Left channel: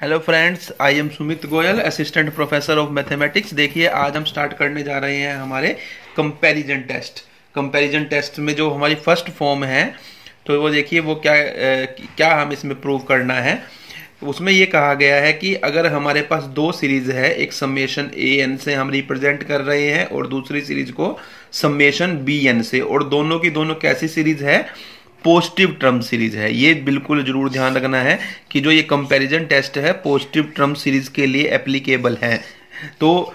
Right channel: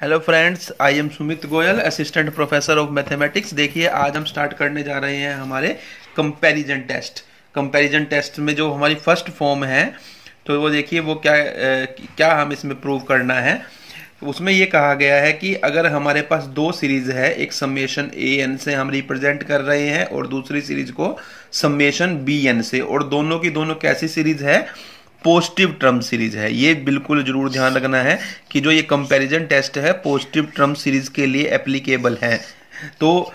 Hello friends, I am Sumit Goyal, assistant professor of mathematics. देखिए, आज हम स्टार्ट करने जा रहे हैं हमारे कंपैरिजन टेस्ट। कंपैरिजन टेस्ट में जो हमारी फर्स्ट फॉर्म है, तो वो देखिए वो क्या हम इसमें प्रूव करना है। उसमें ये कहा गया है कि अगर हमारे पास दो सीरीज है, एक समेशन ए एन से हम रिप्रेजेंट कर रहे हैं और दूसरी सीरीज को समेशन बी एन से, और दोनों की दोनों कैसी सीरीज है? पॉजिटिव टर्म सीरीज है। ये बिल्कुल जरूर ध्यान रखना है कि जो ये कंपैरिजन टेस्ट है पॉजिटिव टर्म सीरीज के लिए एप्लीकेबल है। तो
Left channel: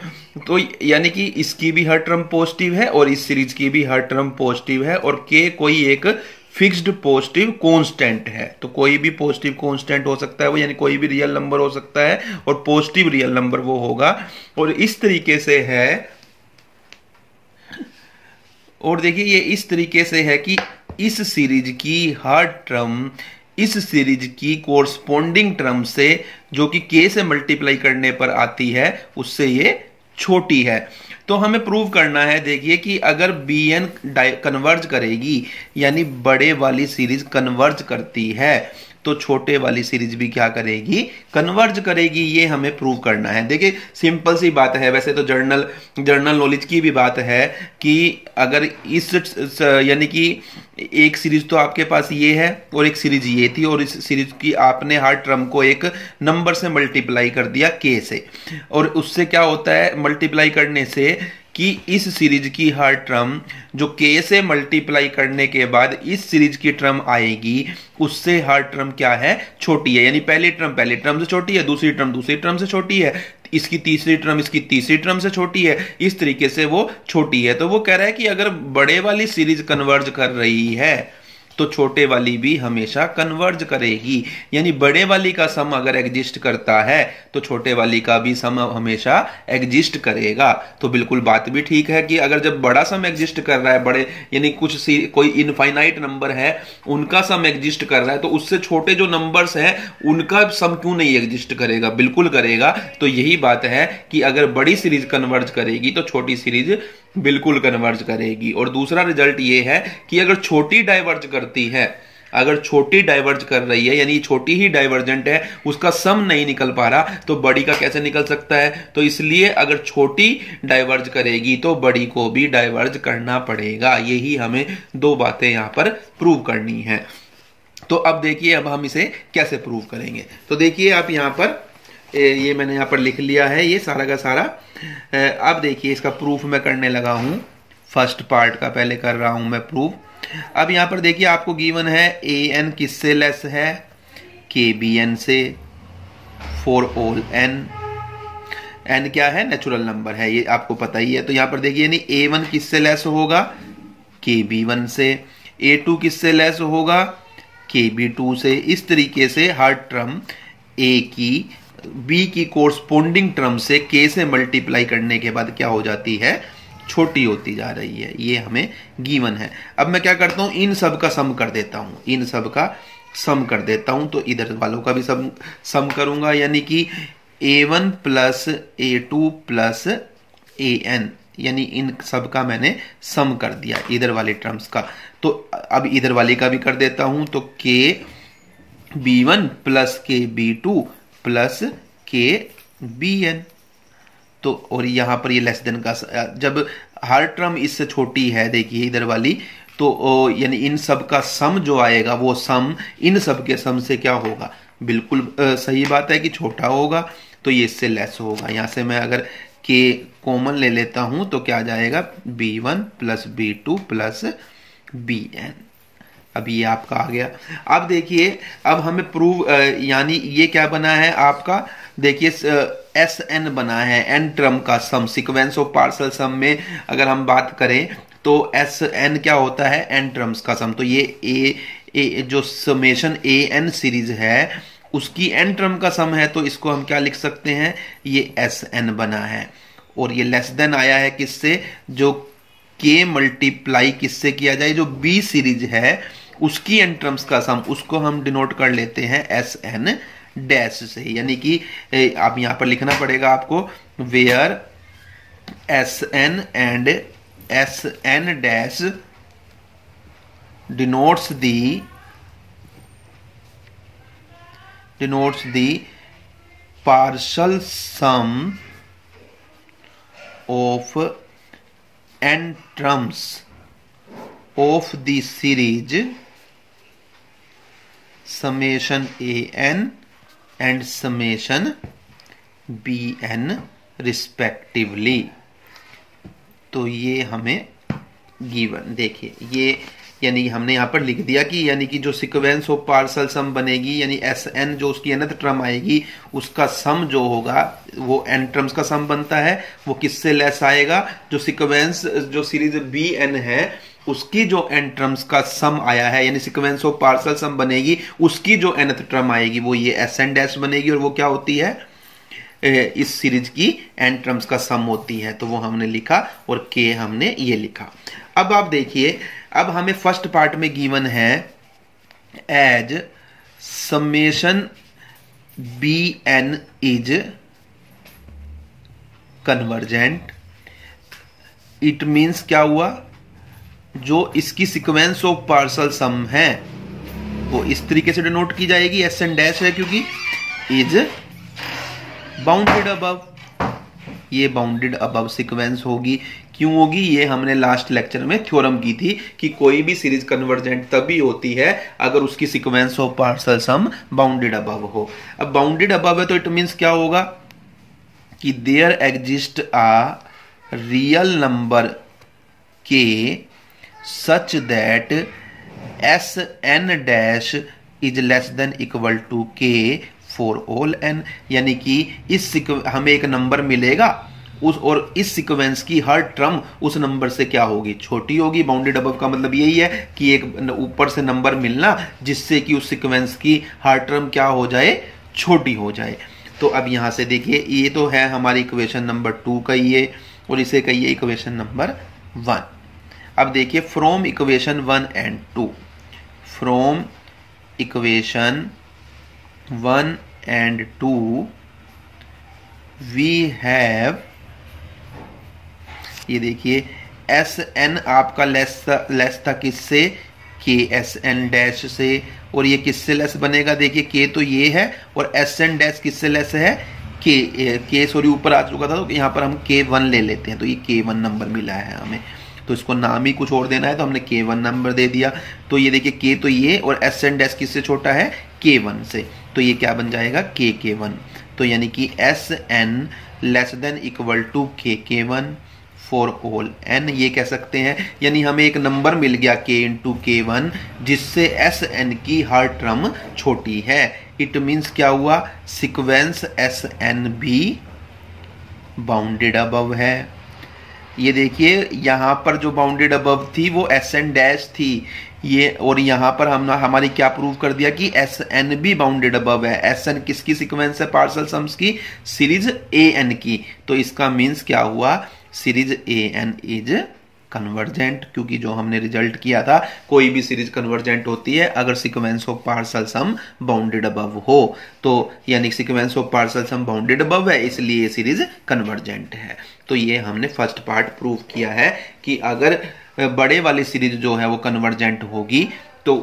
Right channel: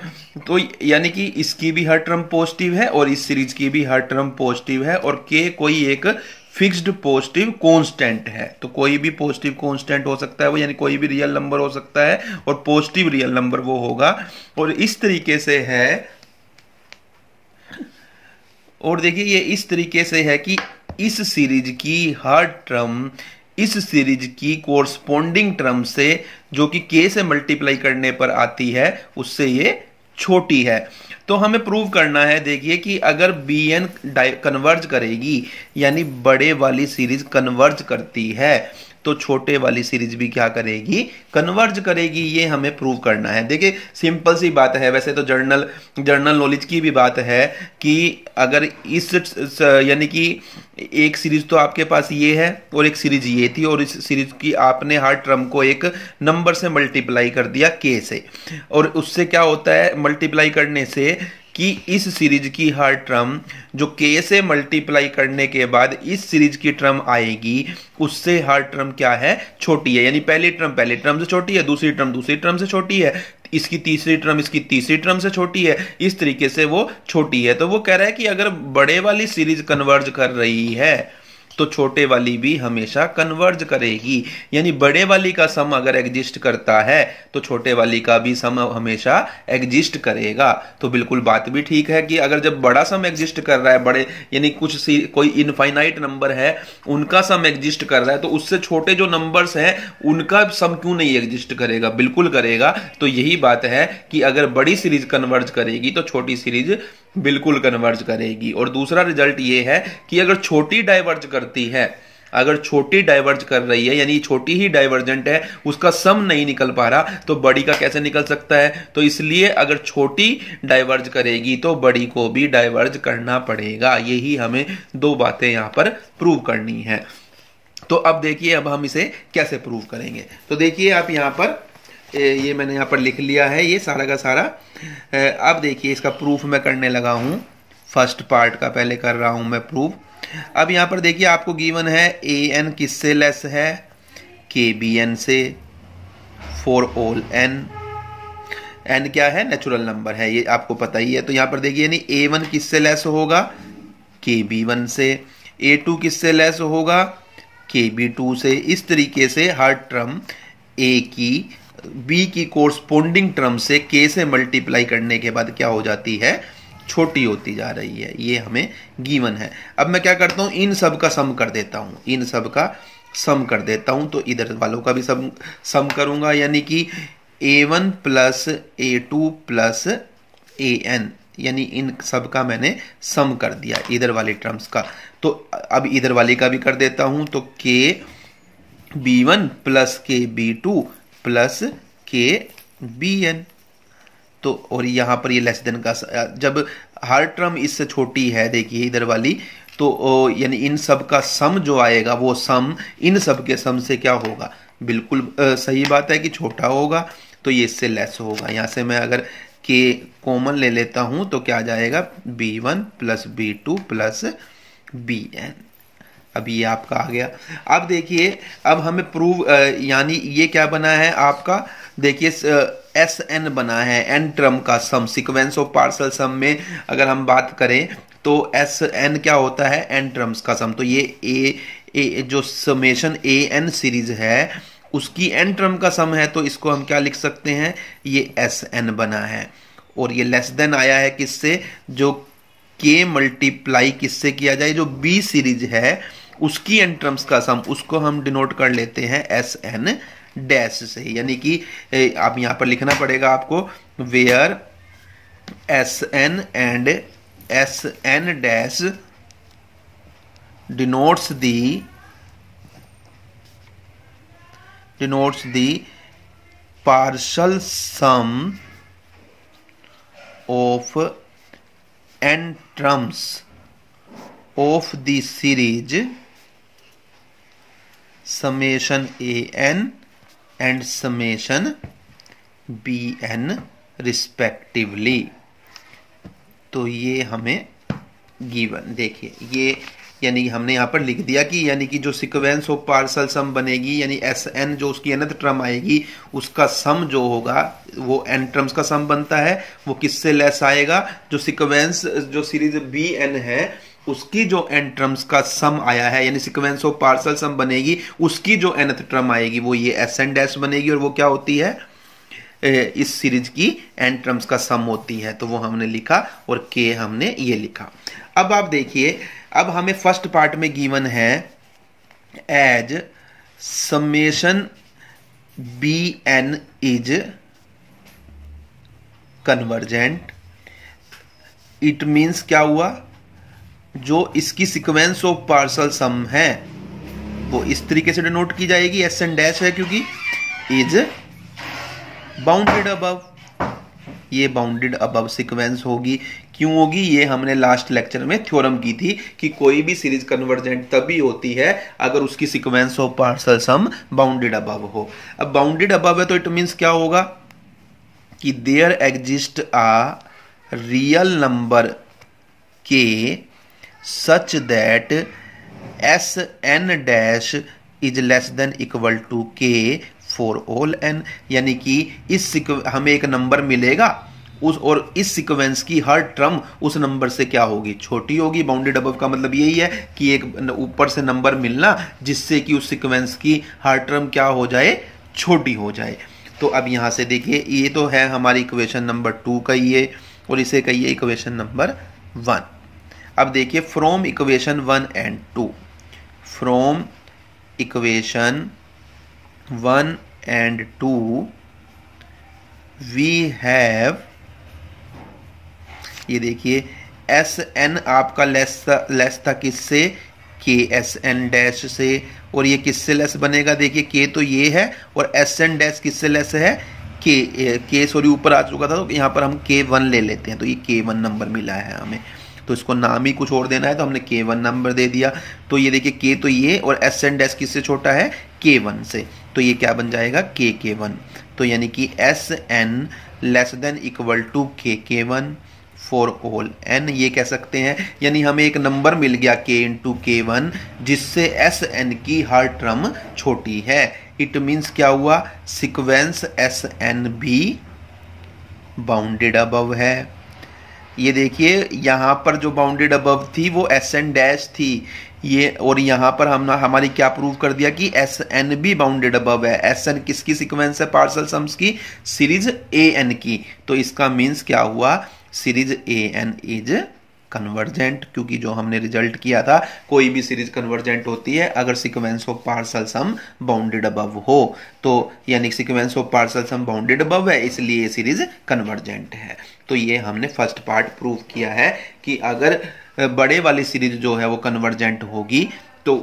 यानी कि इसकी भी हर टर्म पॉजिटिव है और इस सीरीज की भी हर टर्म पॉजिटिव है, और के कोई एक फिक्स्ड पॉजिटिव कांस्टेंट है। तो कोई भी पॉजिटिव कांस्टेंट हो सकता है वो, यानी कोई भी रियल नंबर हो सकता है और पॉजिटिव रियल नंबर वो होगा। और इस तरीके से है, और देखिए ये इस तरीके से है कि इस सीरीज की हर टर्म इस सीरीज की कोरस्पोंडिंग टर्म से, जो कि के से मल्टीप्लाई करने पर आती है, उससे ये छोटी है। तो हमें प्रूव करना है, देखिए कि अगर बी एन कन्वर्ज करेगी, यानी बड़े वाली सीरीज कन्वर्ज करती है, तो छोटे वाली सीरीज भी क्या करेगी? कन्वर्ज करेगी। ये हमें प्रूव करना है। देखिए सिंपल सी बात है, वैसे तो जर्नल नॉलेज की भी बात है कि अगर यानी कि एक सीरीज तो आपके पास ये है और एक सीरीज ये थी, और इस सीरीज की आपने हर टर्म को एक नंबर से मल्टीप्लाई कर दिया के से, और उससे क्या होता है मल्टीप्लाई करने से कि इस सीरीज की हर टर्म जो के से मल्टीप्लाई करने के बाद इस सीरीज की टर्म आएगी, उससे हर टर्म क्या है? छोटी है। यानी पहली टर्म से छोटी है, दूसरी टर्म दूसरी टर्म से छोटी है, इसकी तीसरी टर्म इसकी तीसरी टर्म से छोटी है, इस तरीके से वो छोटी है। तो वो कह रहा है कि अगर बड़े वाली सीरीज कन्वर्ज कर रही है तो छोटे वाली भी हमेशा कन्वर्ज करेगी। यानी बड़े वाली का सम अगर एग्जिस्ट करता है तो छोटे वाली का भी सम हमेशा एग्जिस्ट करेगा। तो बिल्कुल बात भी ठीक है कि अगर जब बड़ा सम एग्जिस्ट कर रहा है, बड़े यानी कोई इनफाइनाइट नंबर है उनका सम एग्जिस्ट कर रहा है, तो उससे छोटे जो नंबर्स हैं उनका सम क्यों नहीं एग्जिस्ट करेगा? बिल्कुल करेगा। तो यही बात है कि अगर बड़ी सीरीज कन्वर्ज करेगी तो छोटी सीरीज बिल्कुल कन्वर्ज करेगी। और दूसरा रिजल्ट ये है कि अगर छोटी डाइवर्ज करती है, अगर छोटी डाइवर्ज कर रही है, यानी छोटी ही डाइवर्जेंट है, उसका सम नहीं निकल पा रहा, तो बड़ी का कैसे निकल सकता है? तो इसलिए अगर छोटी डाइवर्ज करेगी तो बड़ी को भी डाइवर्ज करना पड़ेगा। यही हमें दो बातें यहां पर प्रूव करनी है। तो अब देखिए, अब हम इसे कैसे प्रूव करेंगे। तो देखिए आप यहां पर, ये मैंने यहां पर लिख लिया है ये सारा का सारा। अब देखिए इसका प्रूफ मैं करने लगा हूं। फर्स्ट पार्ट का पहले कर रहा हूं मैं प्रूफ। अब यहां पर देखिए आपको गिवन है ए एन किससे लेस है? के बी एन से, फॉर ऑल एन। एन क्या है? नेचुरल नंबर है, ये आपको पता ही है। तो यहां पर देखिए यानी ए वन किससे लेस होगा? के बी वन से। ए टू किससे लेस होगा? के बी टू से। इस तरीके से हर टर्म ए की बी की कोरस्पोंडिंग टर्म से के से मल्टीप्लाई करने के बाद क्या हो जाती है? छोटी होती जा रही है। ये हमें गिवन है। अब मैं क्या करता हूं, इन सब का सम कर देता हूं, इन सब का सम कर देता हूं। तो इधर वालों का भी सम करूंगा, यानी कि a1 plus a2 plus an, यानी इन सब का मैंने सम कर दिया इधर वाले टर्म्स का। तो अब इधर वाले का भी कर देता हूं। तो के b1 प्लस के b2 प्लस के बी एन। तो और यहां पर ये लेस देन का, जब हर टर्म इससे छोटी है, देखिए इधर वाली, तो यानी इन सब का सम जो आएगा वो सम इन सब के सम से क्या होगा? बिल्कुल सही बात है कि छोटा होगा। तो ये इससे लेस होगा। यहां से मैं अगर के कॉमन ले लेता हूं तो क्या आ जाएगा? b1 plus b2 plus B N. अब ये आपका आ गया। अब देखिए, अब हमें प्रूव, यानी ये क्या बना है आपका? देखिए एस एन बना है, एन टर्म का सम। सीक्वेंस ऑफ पार्शियल सम में अगर हम बात करें तो एस एन क्या होता है? एन टर्म्स का सम। तो ये ए जो समेशन ए एन सीरीज है उसकी एन टर्म का सम है, तो इसको हम क्या लिख सकते हैं? ये एस एन बना है। और ये लेस देन आया है किससे? जो के मल्टीप्लाई किससे किया जाए? जो बी सीरीज है उसकी एन टर्म्स का सम, उसको हम डिनोट कर लेते हैं एस एन डैश से। यानी कि आप यहां पर लिखना पड़ेगा आपको, where S N and S N dash denotes the partial sum of n terms of the series summation an and summation bn respectively। तो ये हमें गिवन, देखिए ये यानी हमने यहां पर लिख दिया कि यानी कि जो सीक्वेंस ऑफ पार्शल सम बनेगी यानी एस एन जो उसकी nth टर्म आएगी उसका सम जो होगा वो n टर्म्स का सम बनता है, वो किससे लेस आएगा, जो सीक्वेंस जो सीरीज बी एन है उसकी जो n टर्म्स का सम आया है यानी सीक्वेंस ऑफ पार्शल सम बनेगी उसकी जो nth टर्म आएगी वो ये एस एन डैश बनेगी और वो क्या होती है, इस सीरीज की n टर्म्स का सम होती है। तो वो हमने लिखा और k हमने ये लिखा। अब आप देखिए, अब हमें फर्स्ट पार्ट में गिवन है as summation B N is convergent. It means क्या हुआ, जो इसकी सीक्वेंस ऑफ पार्शल सम है वो इस तरीके से डिनोट की जाएगी, एस एन डैश है क्योंकि इज बाउंडेड अबव, ये बाउंडेड अबव सीक्वेंस होगी। क्यों होगी, ये हमने लास्ट लेक्चर में थ्योरम की थी कि कोई भी सीरीज कन्वर्जेंट तभी होती है अगर उसकी sequence of partial sum bounded above हो। अब बाउंडेड अबव है तो इट मींस क्या होगा कि there exist a real number K such that S N dash is less than equal to K for all N, यानी कि इस हमें एक नंबर मिलेगा उस और इस सीक्वेंस की हर टर्म उस नंबर से क्या होगी, छोटी होगी। बाउंडेड अबव का मतलब यही है कि एक ऊपर से नंबर मिलना जिससे कि उस सीक्वेंस की हर टर्म क्या हो जाए, छोटी हो जाए। तो अब यहां से देखिए ये तो है हमारी इक्वेशन नंबर 2 कहिए और इसे कहिए इक्वेशन नंबर 1। अब देखिए from equation 1 and 2, from equation 1 and 2 we have, ये देखिए एस एन आपका लेस था किससे, के एस एन डैश से, और ये किससे लेस बनेगा, देखिए के तो ये है और एस एन डैश किससे लेस है, के सॉरी ऊपर आ चुका था तो यहाँ पर हम K1 ले लेते हैं। तो ये K1 नंबर मिला है हमें, तो इसको नाम ही कुछ और देना है तो हमने K1 नंबर दे दिया। तो ये देखिए K तो ये और एस एन डैश किससे छोटा है, K1 से, तो ये क्या बन जाएगा K1। तो यानी कि S N less than equal to K1 for all N, ये कह सकते हैं। यानी हमें एक नंबर मिल गया K इंटू K1 जिससे एस एन की हर टर्म छोटी है। इट मीन्स क्या हुआ, सीक्वेंस एस एन भी बाउंडेड अबव है। ये देखिए यहां पर जो बाउंडेड अबव थी वो एस एन डैश थी ये, और यहां पर हमने हमारी क्या प्रूव कर दिया कि एस एन भी बाउंडेड अबव है। एस एन किसकी सीक्वेंस है पार्शल सम्स की, सीरीज ए एन की। तो इसका मीन्स क्या हुआ, series A N is convergent, क्योंकि जो हमने रिजल्ट किया था कोई भी सीरीज कन्वर्जेंट होती है अगर sequence of partial sum bounded above हो। तो यानी sequence of partial sum bounded above है इसलिए ये सीरीज कन्वर्जेंट है। तो ये हमने फर्स्ट पार्ट प्रूव किया है कि अगर बड़े वाली सीरीज जो है वो कन्वर्जेंट होगी तो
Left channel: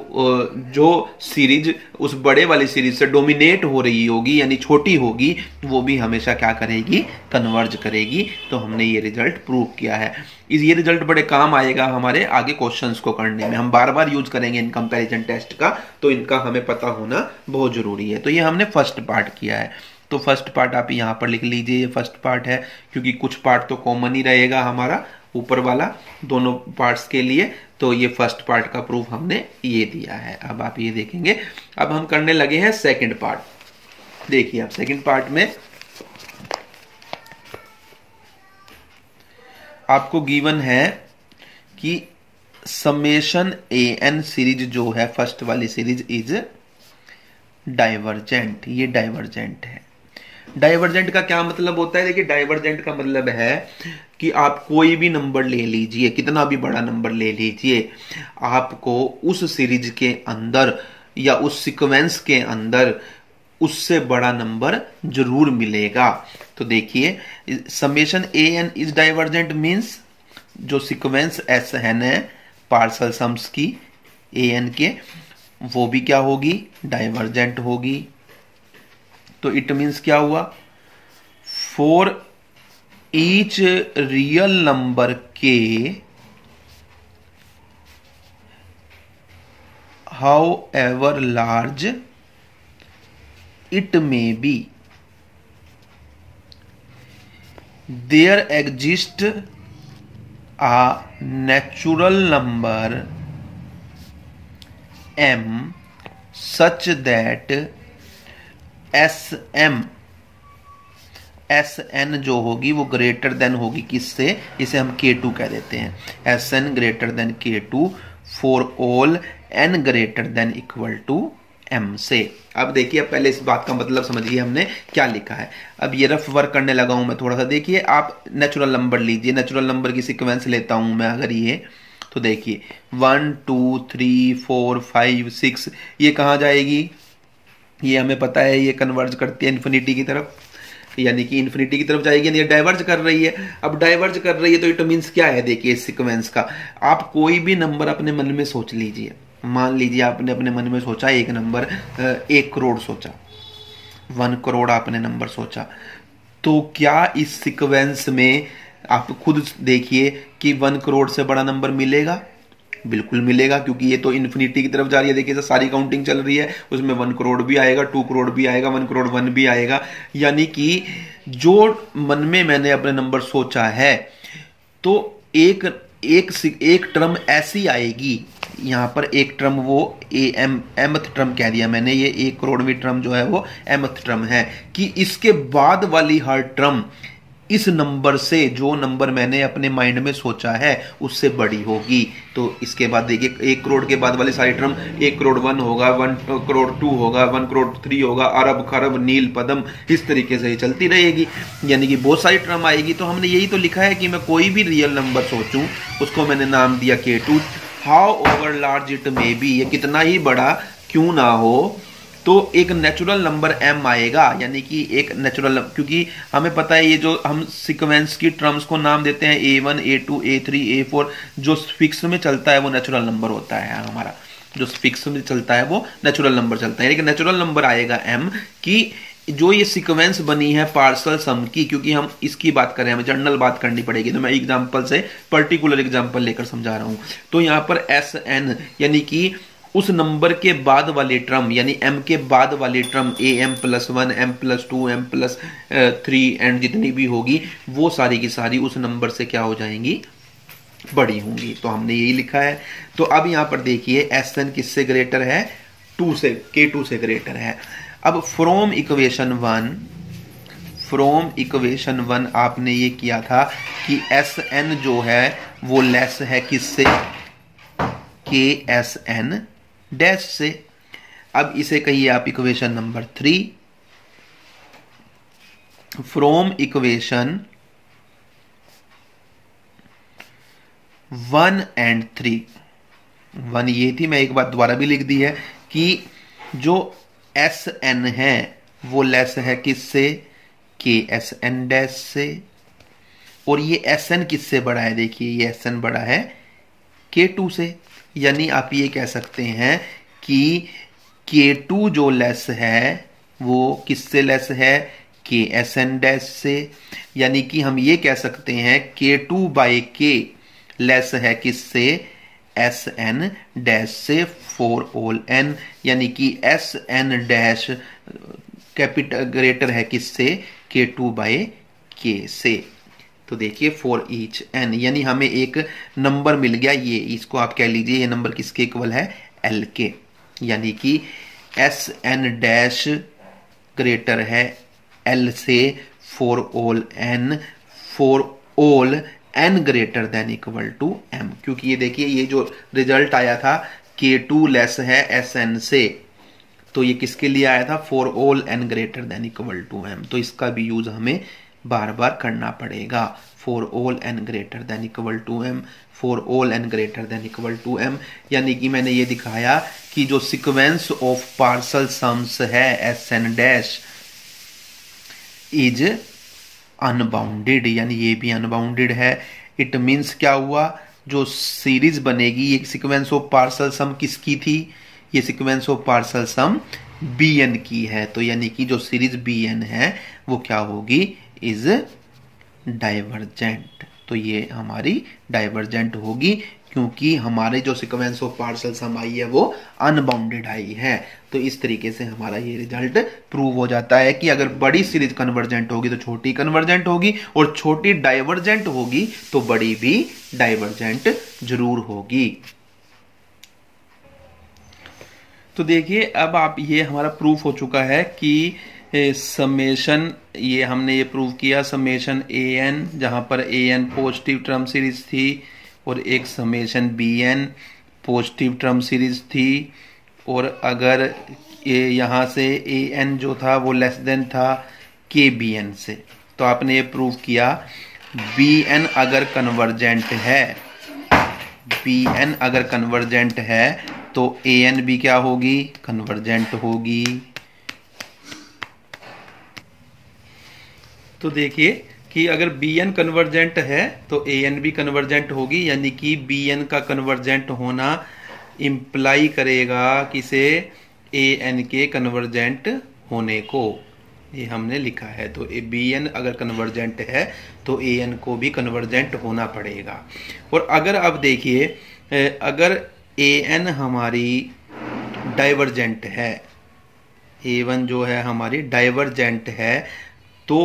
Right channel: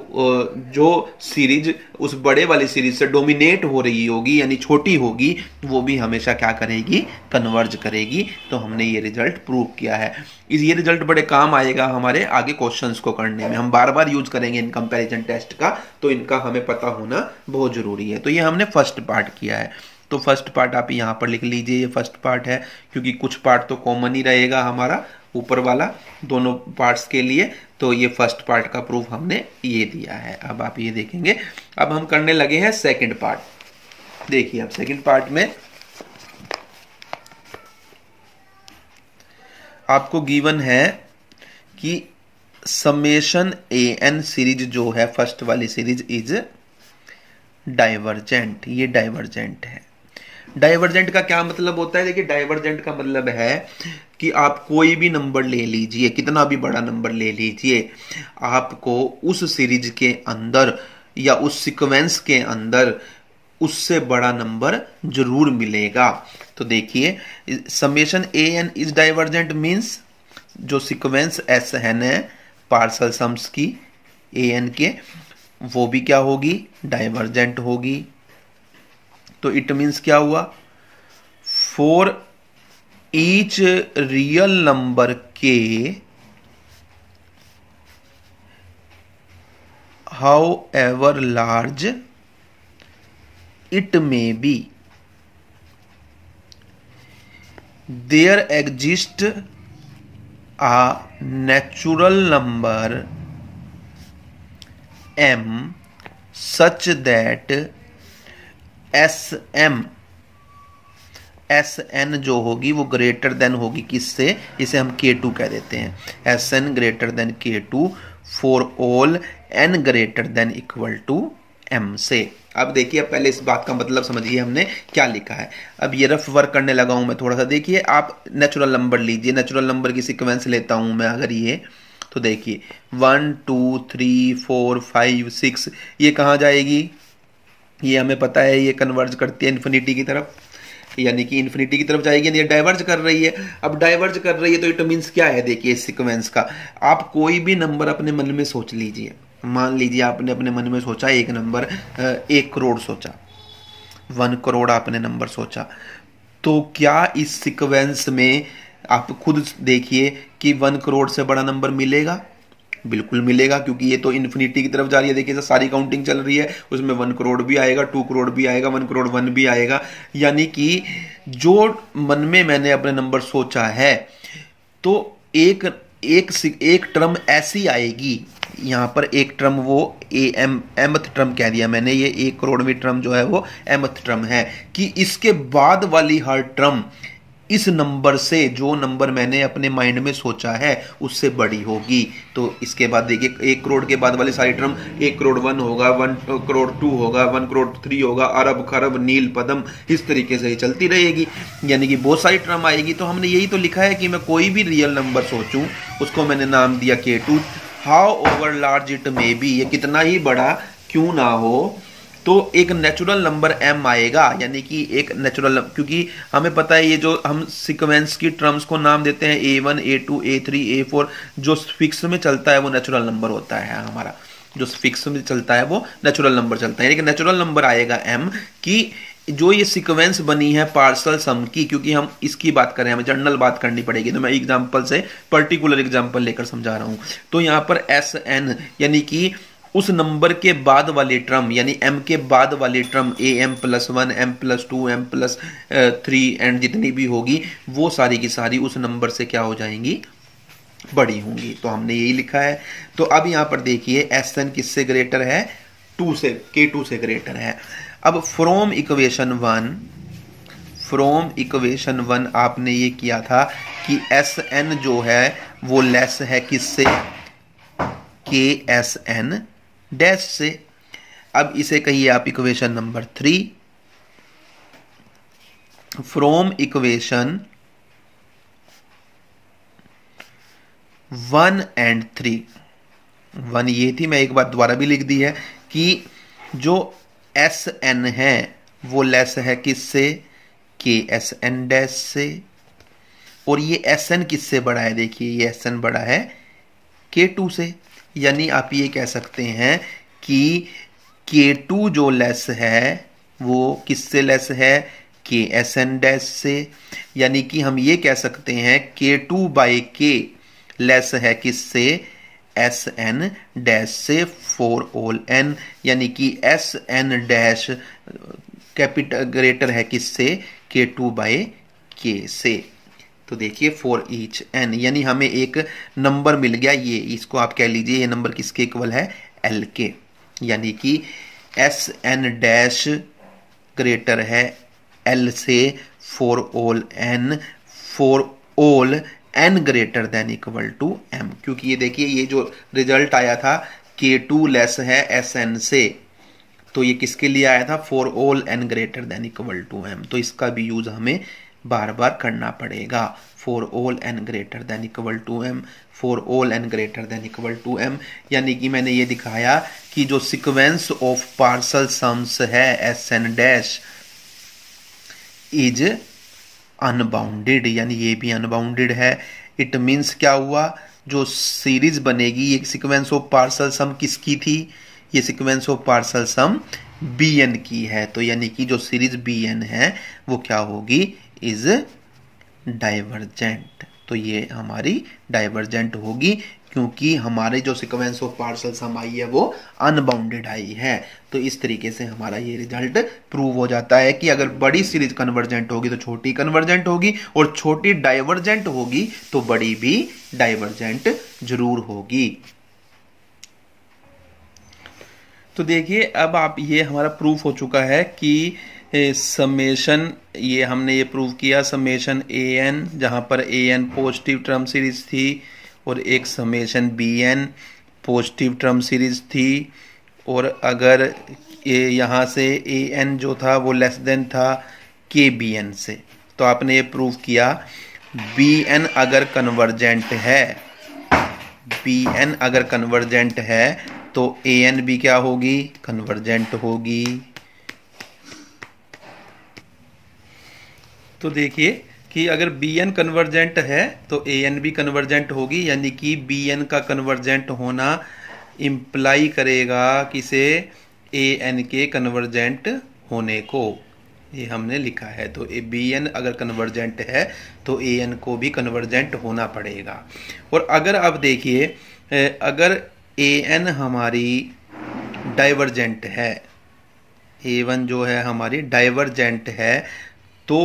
जो सीरीज उस बड़े वाली सीरीज से डोमिनेट हो रही होगी यानी छोटी होगी वो भी हमेशा क्या करेगी, कन्वर्ज करेगी। तो हमने ये रिजल्ट प्रूव किया है। ये रिजल्ट बड़े काम आएगा हमारे आगे क्वेश्चंस को करने में, हम बार बार यूज करेंगे इन कंपैरिजन टेस्ट का, तो इनका हमें पता होना बहुत जरूरी है। तो ये हमने फर्स्ट पार्ट किया है। तो फर्स्ट पार्ट आप यहां पर लिख लीजिए, ये फर्स्ट पार्ट है क्योंकि कुछ पार्ट तो कॉमन ही रहेगा हमारा ऊपर वाला दोनों पार्ट्स के लिए। तो ये फर्स्ट पार्ट का प्रूफ हमने ये दिया है। अब आप ये देखेंगे, अब हम करने लगे हैं सेकंड पार्ट। देखिए अब सेकंड पार्ट में आपको गिवन है कि समेशन ए एन सीरीज जो है फर्स्ट वाली सीरीज इज डाइवर्जेंट, ये डाइवर्जेंट है। डाइवर्जेंट का क्या मतलब होता है, देखिए डाइवर्जेंट का मतलब है कि आप कोई भी नंबर ले लीजिए, कितना भी बड़ा नंबर ले लीजिए, आपको उस सीरीज के अंदर या उस सीक्वेंस के अंदर उससे बड़ा नंबर जरूर मिलेगा। तो देखिए summation A N is divergent means जो सीक्वेंस एस एन है पार्शल सम्स की ए एन के, वो भी क्या होगी, डाइवर्जेंट होगी। तो इट मीन्स क्या हुआ, for each real number K however large it may be there exist a natural number m such that Sn जो होगी वो ग्रेटर देन होगी किससे, इसे हम K2 कह देते हैं, Sn greater than K2 for all n greater than equal to m से। अब देखिए, अब पहले इस बात का मतलब समझिए हमने क्या लिखा है। अब ये रफ वर्क करने लगा हूं मैं थोड़ा सा। देखिए, आप नेचुरल नंबर लीजिए, नेचुरल नंबर की सीक्वेंस लेता हूं मैं अगर ये, तो देखिए 1 2 3 4 5 6 ये कहां जाएगी, ये हमें पता है, ये कन्वर्ज करती है इन्फिनिटी की तरफ, यानी कि इन्फिनिटी की तरफ जाएगी, ये डाइवर्ज कर रही है। अब डाइवर्ज कर रही है तो इट मीन्स क्या है, देखिए इस सीक्वेंस का, आप कोई भी नंबर अपने मन में सोच लीजिए। मान लीजिए आपने अपने मन में सोचा एक नंबर 1 करोड़ सोचा, 1 करोड़ आपने नंबर सोचा, तो क्या इस सीक्वेंस में आप खुद देखिए कि 1 करोड़ से बड़ा नंबर मिलेगा? बिल्कुल मिलेगा, क्योंकि ये तो इन्फिनिटी की तरफ जा रही है। देखिए सारी काउंटिंग चल रही है, उसमें 1 करोड़ भी आएगा, 2 करोड़ भी आएगा, 1 करोड़ 1 भी आएगा। यानी कि जो मन में मैंने अपने नंबर सोचा है, तो एक टर्म ऐसी आएगी, यहां पर एक टर्म वो एमथ टर्म कह दिया मैंने, ये 1 करोड़वीं टर्म जो है वो एमथ टर्म है, कि इसके बाद वाली हर टर्म इस नंबर से, जो नंबर मैंने अपने माइंड में सोचा है उससे बड़ी होगी। तो इसके बाद देखिए 1 करोड़ के बाद वाली सारी टर्म, 1 करोड़ 1 होगा, 1 करोड़ 2 होगा, 1 करोड़ 3 होगा, अरब खरब नील पदम, इस तरीके से चलती रहेगी, यानी कि बहुत सारी टर्म आएगी। तो हमने यही तो लिखा है कि मैं कोई भी रियल नंबर सोचूं, उसको मैंने नाम दिया K2, how over large it may B, ये कितना ही बड़ा क्यों ना हो, तो एक नेचुरल नंबर m आएगा, यानी कि एक नेचुरल, क्योंकि हमें पता है ये जो हम सीक्वेंस की टर्म्स को नाम देते हैं A1 A2 A3 A4, जो फिक्स में चलता है वो नेचुरल नंबर होता है हमारा, जो फिक्स में चलता है वो नेचुरल नंबर चलता है, यानी कि नेचुरल नंबर आएगा m की जो ये सीक्वेंस बनी है पार्सल सम की, क्योंकि हम इसकी बात करें, हमें जनरल बात करनी पड़ेगी, तो मैं एग्जांपल से पर्टिकुलर एग्जांपल लेकर समझा रहा हूं। तो यहां पर Sn यानी कि उस नंबर के बाद वाली टर्म, यानी m के बाद वाली term am+1 m+2 m+3 and जितनी भी होगी वो सारी की सारी उस नंबर से क्या हो जाएंगी, बड़ी होंगी। तो हमने यही लिखा है। तो अब यहां पर देखिए Sn किससे ग्रेटर है, K2 से ग्रेटर है। अब फ्रॉम इक्वेशन 1 आपने ये किया था कि Sn जो है वो लेस है किससे, Ksn डैश से। अब इसे कहिए आप equation number 3, from equation 1 and 3, 1 ये थी, मैं एक बार दोबारा भी लिख दी है कि जो Sn है वो लेस है किससे, Ksn डैश से, और ये Sn किससे बड़ा है, देखिए ये Sn बड़ा है K2 से। यानी आप ये कह सकते हैं कि K2 जो लेस है वो किससे लेस है, Ksn डैश से। यानी कि हम ये कह सकते हैं K2/K लेस है किससे, Sn डैश से फॉर ऑल n, यानी कि Sn डैश कैपिटल ग्रेटर है किससे, K2/K से। तो देखिए फॉर ईच n, यानी हमें एक नंबर मिल गया, ये इसको आप कह लीजिए ये नंबर किसके इक्वल है, L के, यानी कि Sn डैश ग्रेटर है L से for all n greater than equal to m। क्योंकि ये देखिए ये जो रिजल्ट आया था K2 लेस है Sn से, तो ये किसके लिए आया था, for all n greater than equal to m। तो इसका भी यूज हमें बार बार करना पड़ेगा, for all n greater than equal to m, for all n greater than equal to m। यानी कि मैंने ये दिखाया कि जो सीक्वेंस ऑफ पार्सल सम्स है Sn डैश इज अनबाउंडेड, यानी ये भी अनबाउंडेड है। इट मीन्स क्या हुआ, जो सीरीज बनेगी, ये सीक्वेंस ऑफ पार्सल सम किसकी थी, ये sequence of partial sum Bn की है। तो यानी कि जो सीरीज Bn है वो क्या होगी, इज डाइवर्जेंट। तो ये हमारी डाइवर्जेंट होगी क्योंकि हमारे जो सीक्वेंस ऑफ पार्शियल सम आई है वो अनबाउंडेड आई है। तो इस तरीके से हमारा ये रिजल्ट प्रूव हो जाता है कि अगर बड़ी सीरीज कन्वर्जेंट होगी तो छोटी कन्वर्जेंट होगी, और छोटी डाइवर्जेंट होगी तो बड़ी भी डाइवर्जेंट जरूर होगी। तो देखिए अब आप, ये हमारा प्रूफ हो चुका है कि समेशन, ये हमने ये प्रूव किया समेशन an, जहां पर an पॉजिटिव टर्म सीरीज थी, और एक summation bn positive term series थी। और अगर यहां से an जो था वो लेस देन था kbn से, तो आपने ये प्रूव किया bn अगर कन्वर्जेंट है, bn अगर कन्वर्जेंट है तो an भी क्या होगी, कन्वर्जेंट होगी। तो देखिए कि अगर Bn कन्वर्जेंट है तो An भी कन्वर्जेंट होगी, यानी कि Bn का कन्वर्जेंट होना इंप्लाई करेगा किसे, An के कन्वर्जेंट होने को। ये हमने लिखा है। तो Bn अगर कन्वर्जेंट है तो An को भी कन्वर्जेंट होना पड़ेगा। और अगर आप देखिए अगर An हमारी डाइवर्जेंट है, A1 जो है हमारी डाइवर्जेंट है, तो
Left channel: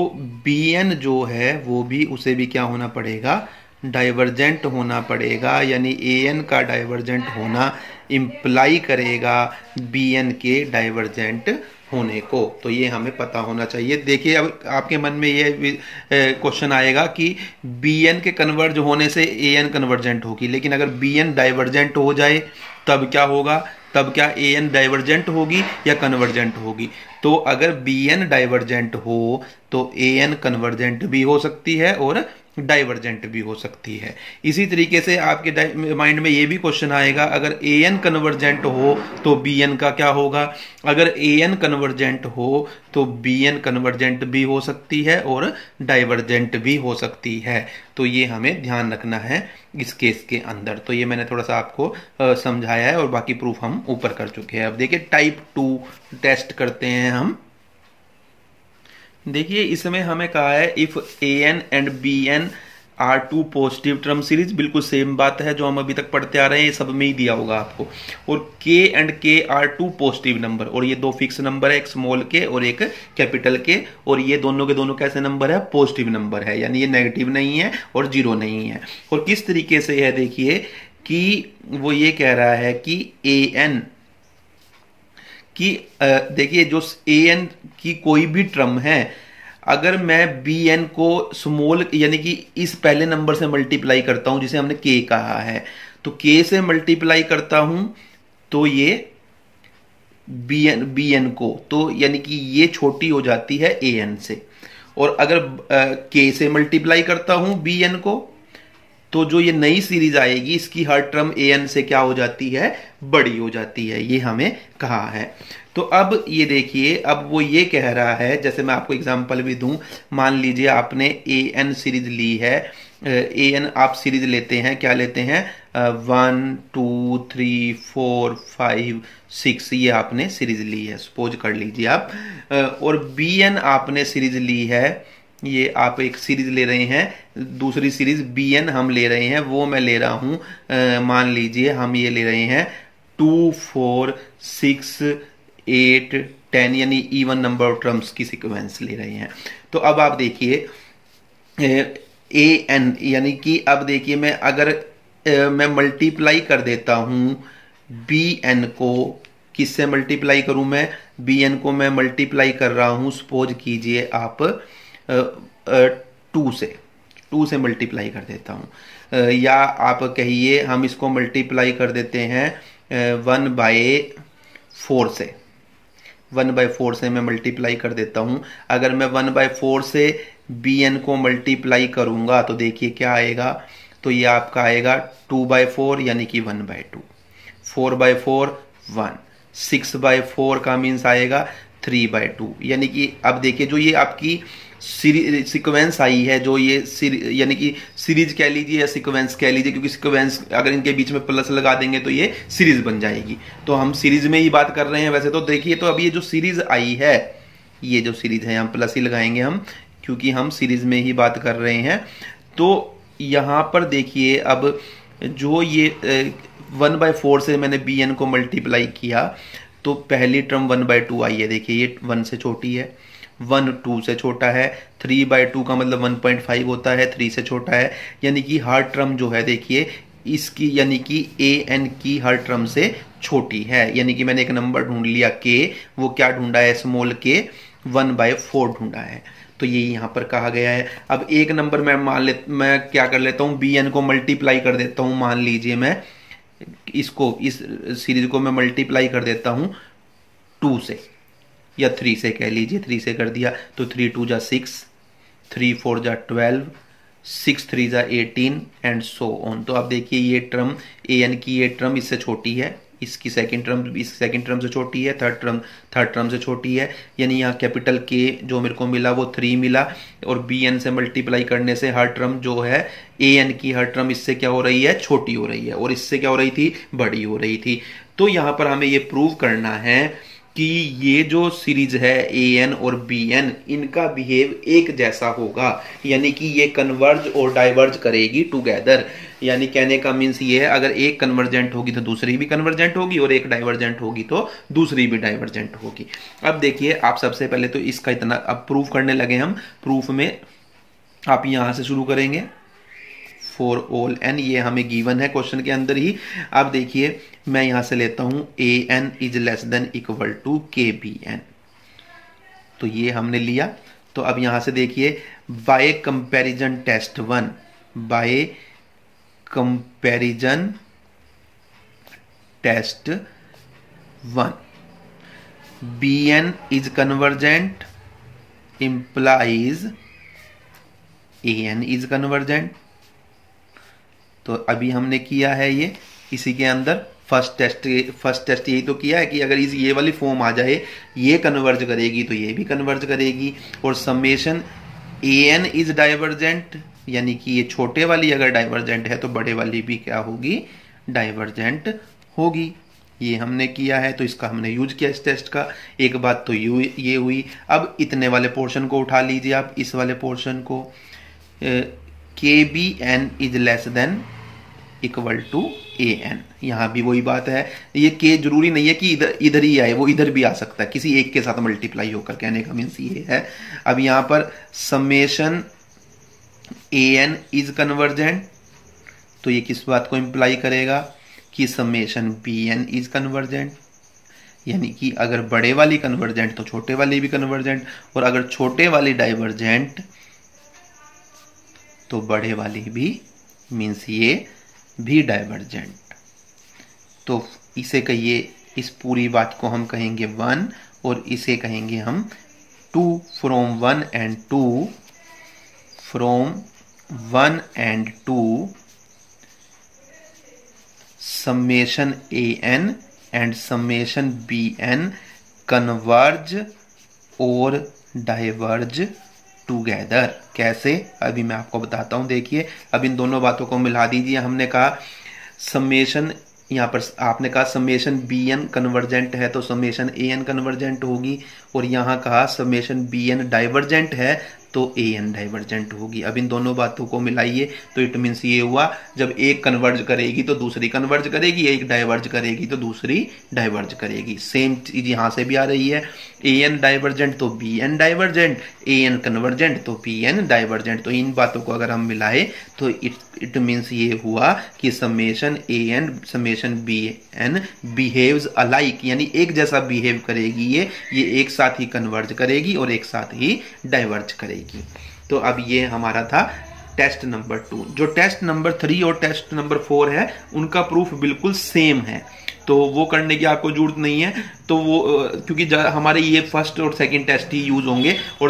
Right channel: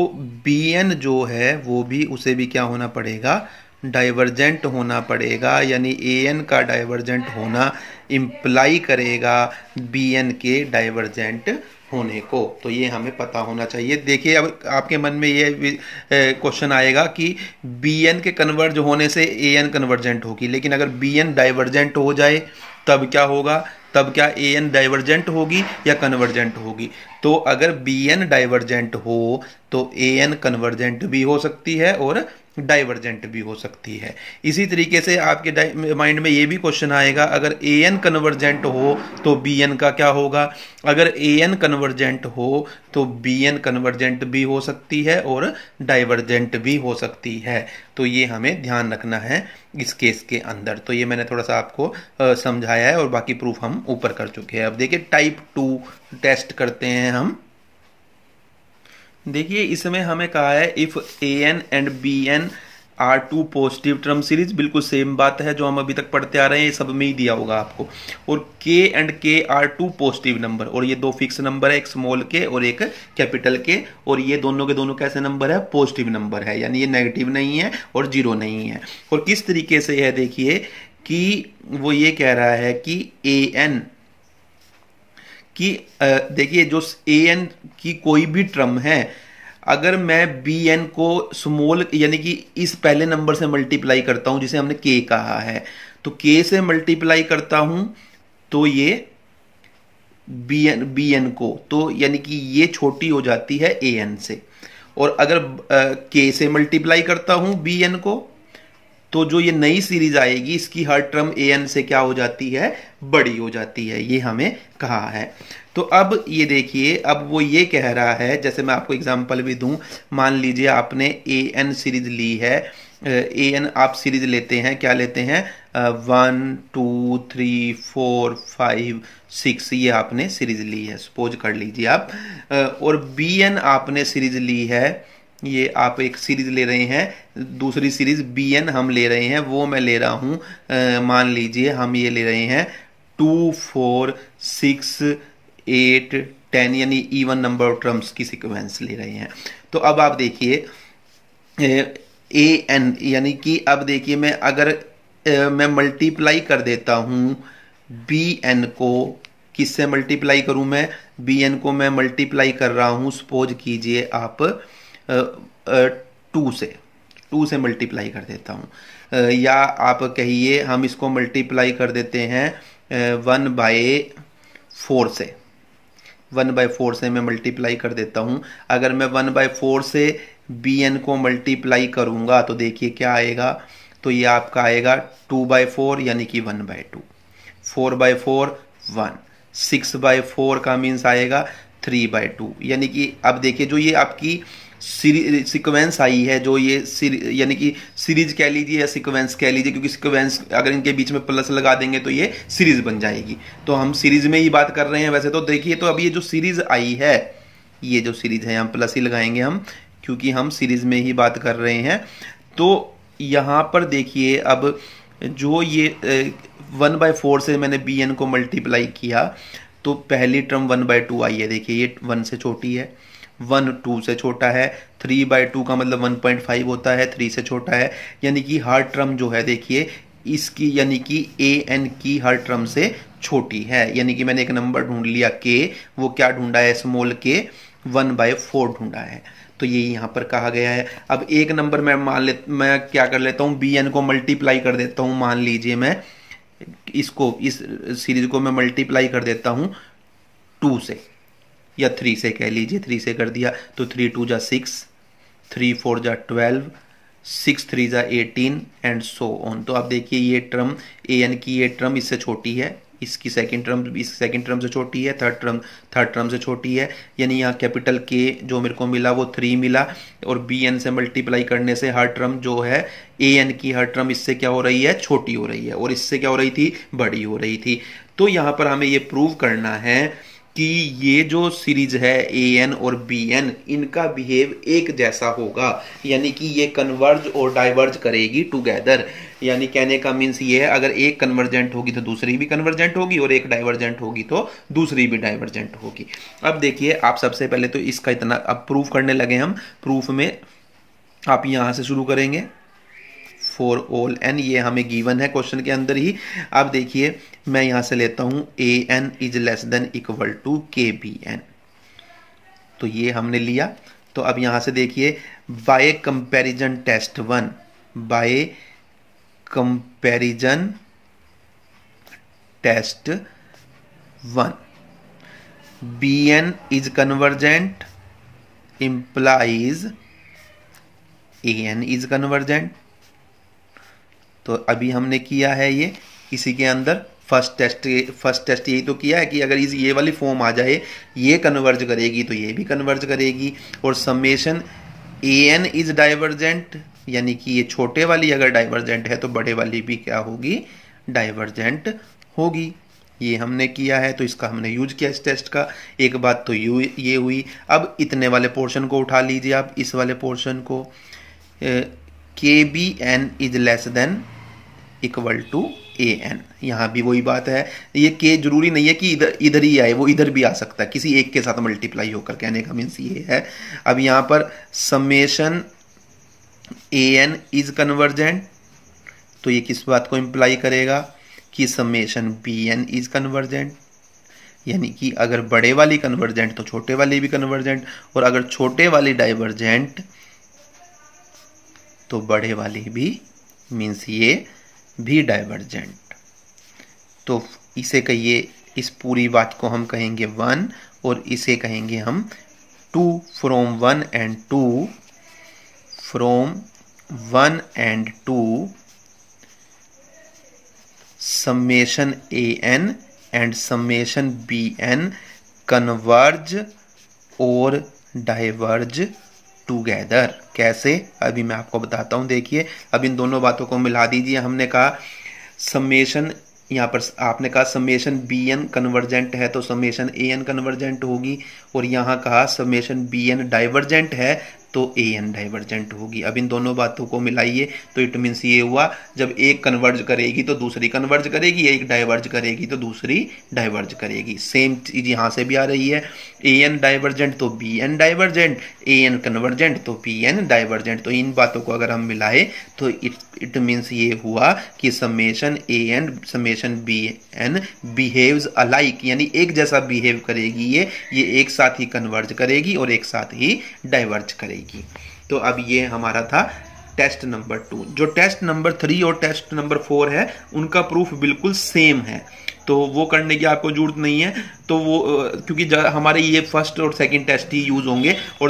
Bn जो है वो भी, उसे भी क्या होना पड़ेगा, डाइवर्जेंट होना पड़ेगा। यानी An का डाइवर्जेंट होना इंप्लाई करेगा Bn के डाइवर्जेंट होने को। तो ये हमें पता होना चाहिए। देखिए अब आपके मन में ये क्वेश्चन आएगा कि Bn के कन्वर्ज होने से An कन्वर्जेंट होगी, लेकिन अगर Bn डाइवर्जेंट हो जाए तब क्या होगा, तब क्या An डाइवर्जेंट होगी या कन्वर्जेंट होगी। तो अगर Bn डाइवर्जेंट हो तो An कन्वर्जेंट भी हो सकती है और डाइवर्जेंट भी हो सकती है। इसी तरीके से आपके माइंड में ये भी क्वेश्चन आएगा, अगर An कन्वर्जेंट हो तो Bn का क्या होगा। अगर An कन्वर्जेंट हो तो Bn कन्वर्जेंट भी हो सकती है और डाइवर्जेंट भी हो सकती है। तो ये हमें ध्यान रखना है इस केस के अंदर। तो ये मैंने थोड़ा सा आपको समझाया है और बाकी प्रूफ हम ऊपर कर चुके हैं। अब देखिए टाइप 2 टेस्ट करते हैं हम। देखिए इसमें हमें कहा है if An and Bn are two positive term series, बिल्कुल सेम बात है जो हम अभी तक पढ़ते आ रहे हैं, ये सब में ही दिया होगा आपको। और K and K are two positive number, और ये दो फिक्स नंबर है, एक स्मॉल k और एक कैपिटल K, और ये दोनों के दोनों कैसे नंबर है, पॉजिटिव नंबर है, यानी ये नेगेटिव नहीं है और जीरो नहीं है। और किस तरीके से है देखिए कि वो ये कह रहा है कि An कि देखिए जो An की कोई भी टर्म है, अगर मैं Bn को स्मॉल यानी कि इस पहले नंबर से मल्टीप्लाई करता हूं जिसे हमने K कहा है, तो K से मल्टीप्लाई करता हूं तो ये Bn को, तो यानी कि ये छोटी हो जाती है An से। और अगर K से मल्टीप्लाई करता हूं Bn को, तो जो ये नई सीरीज आएगी इसकी हर टर्म An से क्या हो जाती है, बड़ी हो जाती है। ये हमें कहा है। तो अब ये देखिए, अब वो ये कह रहा है, जैसे मैं आपको एग्जांपल भी दूं, मान लीजिए आपने An सीरीज ली है, An आप सीरीज लेते हैं, क्या लेते हैं, 1 2 3 4 5 6, ये आपने सीरीज ली है, सपोज कर लीजिए आप। और Bn आपने सीरीज ली है, ये आप एक सीरीज ले रहे हैं, दूसरी सीरीज Bn हम ले रहे हैं, वो मैं ले रहा हूं, मान लीजिए हम ये ले रहे हैं 2 4 6 8 10, यानी इवन नंबर ऑफ टर्म्स की सीक्वेंस ले रहे हैं। तो अब आप देखिए An, यानी कि अब देखिए मैं अगर मैं मल्टीप्लाई कर देता हूं Bn को, किससे मल्टीप्लाई करूं मैं, Bn को मैं मल्टीप्लाई कर रहा हूं, सपोज कीजिए आप 2 से मल्टीप्लाई कर देता हूं, या आप कहिए हम इसको मल्टीप्लाई कर देते हैं 1/4 से, 1/4 से मैं मल्टीप्लाई कर देता हूं। अगर मैं 1/4 से Bn को मल्टीप्लाई करूंगा तो देखिए क्या आएगा, तो ये आपका आएगा 2/4 यानी कि 1/2, 4/4 1, 6/4 का मीन्स आएगा 3/2। यानी कि अब देखिए जो ये आपकी सीक्वेंस आई है, जो ये यानी कि सीरीज कह लीजिए या सीक्वेंस कह लीजिए, क्योंकि सीक्वेंस अगर इनके बीच में प्लस लगा देंगे तो ये सीरीज बन जाएगी। तो हम सीरीज में ही बात कर रहे हैं वैसे तो। देखिए तो अब ये जो सीरीज आई है, ये जो सीरीज है, हम प्लस ही लगाएंगे हम, क्योंकि हम सीरीज में ही बात कर रहे हैं। तो यहां पर देखिए अब जो ये 1/4 से मैंने bn को मल्टीप्लाई किया तो पहली टर्म 1/2 आई है। देखिए ये 1 से छोटी है, 1 2 से छोटा है, 3/2 का मतलब 1.5 होता है, 3 से छोटा है। यानी कि हर टर्म जो है देखिए इसकी, यानी कि an की हर टर्म से छोटी है। यानी कि मैंने एक नंबर ढूंढ लिया k, वो क्या ढूंढा है, स्मॉल k 1/4 ढूंढा है। तो ये यहां पर कहा गया है। अब एक नंबर मैं क्या कर लेता हूं, bn को मल्टीप्लाई कर देता हूं। मान लीजिए मैं इसको, इस सीरीज को मैं मल्टीप्लाई कर देता हूं 2 से या 3 से कह लीजिए, 3 से कर दिया तो 3 2 जा 6, 3 4 जा 12, 6 3 जा 18 एंड सो ऑन। तो आप देखिए ये टर्म an की ये टर्म इससे छोटी है, इसकी सेकंड टर्म इस सेकंड टर्म से छोटी है, थर्ड टर्म से छोटी है। यानी यहाँ कैपिटल K जो मेरे को मिला वो 3 मिला, और bn से मल्टीप्लाई करने से हर टर्म जो है an की हर टर्म इससे क्या हो रही है, छोटी हो रही है, और इससे क्या हो रही थी, बड़ी हो रही थी। तो यहां पर हमें ये प्रूव करना है कि ये जो सीरीज है an और bn, इनका बिहेव एक जैसा होगा, यानी कि ये कन्वर्ज और डाइवर्ज करेगी टुगेदर। यानी कहने का मीन्स ये है, अगर एक कन्वर्जेंट होगी तो दूसरी भी कन्वर्जेंट होगी, और एक डाइवर्जेंट होगी तो दूसरी भी डाइवर्जेंट होगी। अब देखिए आप सबसे पहले तो इसका इतना, अब प्रूफ करने लगे हम। प्रूफ में आप यहां से शुरू करेंगे, फॉर ऑल n, ये हमें गिवन है क्वेश्चन के अंदर ही। अब देखिए मैं यहां से लेता हूं an is less than equal to kbn, तो ये हमने लिया। तो अब यहां से देखिए by comparison test 1, by comparison test 1, bn is convergent implies an is convergent. तो अभी हमने किया है ये इसी के अंदर फर्स्ट टेस्ट यही तो किया है कि अगर ये वाली फॉर्म आ जाए, ये कन्वर्ज करेगी तो ये भी कन्वर्ज करेगी। और समेशन an इज डाइवर्जेंट, यानी कि ये छोटे वाली अगर डाइवर्जेंट है तो बड़े वाली भी क्या होगी, डाइवर्जेंट होगी। ये हमने किया है, तो इसका हमने यूज किया इस टेस्ट का। एक बात तो ये हुई। अब इतने वाले पोर्शन को उठा लीजिए आप, इस वाले पोर्शन को, kbn is less than equal to an। यहां भी वही बात है, ये k जरूरी नहीं है कि इधर ही आए, वो इधर भी आ सकता है किसी एक के साथ मल्टीप्लाई होकर। कहने का मीन्स ये है। अब यहां पर समेशन an इज कन्वर्जेंट, तो ये किस बात को इंप्लाई करेगा कि समेशन bn इज कन्वर्जेंट। यानी कि अगर बड़े वाली कन्वर्जेंट तो छोटे वाली भी कन्वर्जेंट, और अगर छोटे वाली डाइवर्जेंट तो बड़े वाली भी, मीन्स ये भी डाइवर्जेंट। तो इसे कहिए, इस पूरी बात को हम कहेंगे 1, और इसे कहेंगे हम 2 from 1 and 2, from 1 and 2 summation an and summation bn converge और डाइवर्ज टुगेदर। कैसे, अभी मैं आपको बताता हूं। देखिए अब इन दोनों बातों को मिला दीजिए। हमने कहा समेशन, यहां पर आपने कहा समेशन bn कन्वर्जेंट है तो समेशन an कन्वर्जेंट होगी, और यहां कहा समेशन bn डाइवर्जेंट है तो an डाइवर्जेंट होगी। अब इन दोनों बातों को मिलाइए तो इट मीन्स ये हुआ, जब एक कन्वर्ज करेगी तो दूसरी कन्वर्ज करेगी, एक डाइवर्ज करेगी तो दूसरी डाइवर्ज करेगी। सेम चीज यहां से भी आ रही है, an डाइवर्जेंट तो bn डाइवर्जेंट, an कन्वर्जेंट तो bn डाइवर्जेंट। तो इन बातों को अगर हम मिलाए तो इट मीन्स ये हुआ कि summation an summation bn behaves alike, यानी एक जैसा बिहेव करेगी ये एक साथ ही कन्वर्ज करेगी और एक साथ ही डाइवर्ज करेगी। तो अब ये हमारा था टेस्ट नंबर 2। जो टेस्ट नंबर 3 और टेस्ट नंबर 4 है उनका प्रूफ बिल्कुल सेम है, तो वो करने की आपको जरूरत नहीं है। तो वो क्योंकि हमारे ये फर्स्ट और सेकंड टेस्ट ही यूज होंगे, और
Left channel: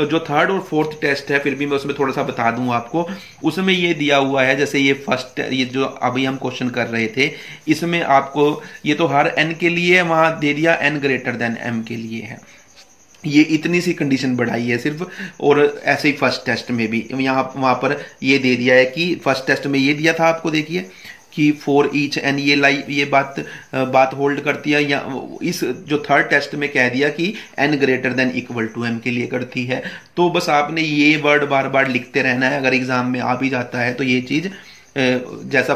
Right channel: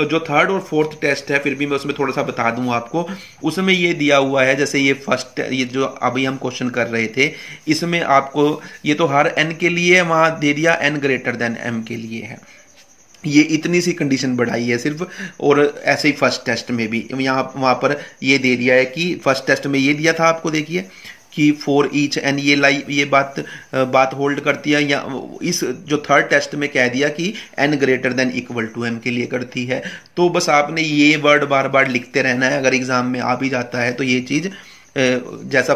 जो थर्ड और फोर्थ टेस्ट है फिर भी मैं उसमें थोड़ा सा बता दूं आपको। उसमें ये दिया हुआ है, जैसे ये जो अभी हम क्वेश्चन कर रहे थे, इसमें आपको ये तो हर एन के लिए वहां दे दिया, एन ग्रेटर देन एम के लिए है, ये इतनी सी कंडीशन बढ़ाई है सिर्फ। और ऐसे ही फर्स्ट टेस्ट में भी वहां पर ये दे दिया है कि फर्स्ट टेस्ट में ये दिया था आपको, देखिए कि फॉर ईच एन, ये बात होल्ड करती है, या इस जो थर्ड टेस्ट में कह दिया कि N greater than equal to M के लिए करती है। तो बस आपने ये वर्ड बार बार लिखते रहना है, अगर एग्जाम में आ भी जाता है तो ये चीज जैसा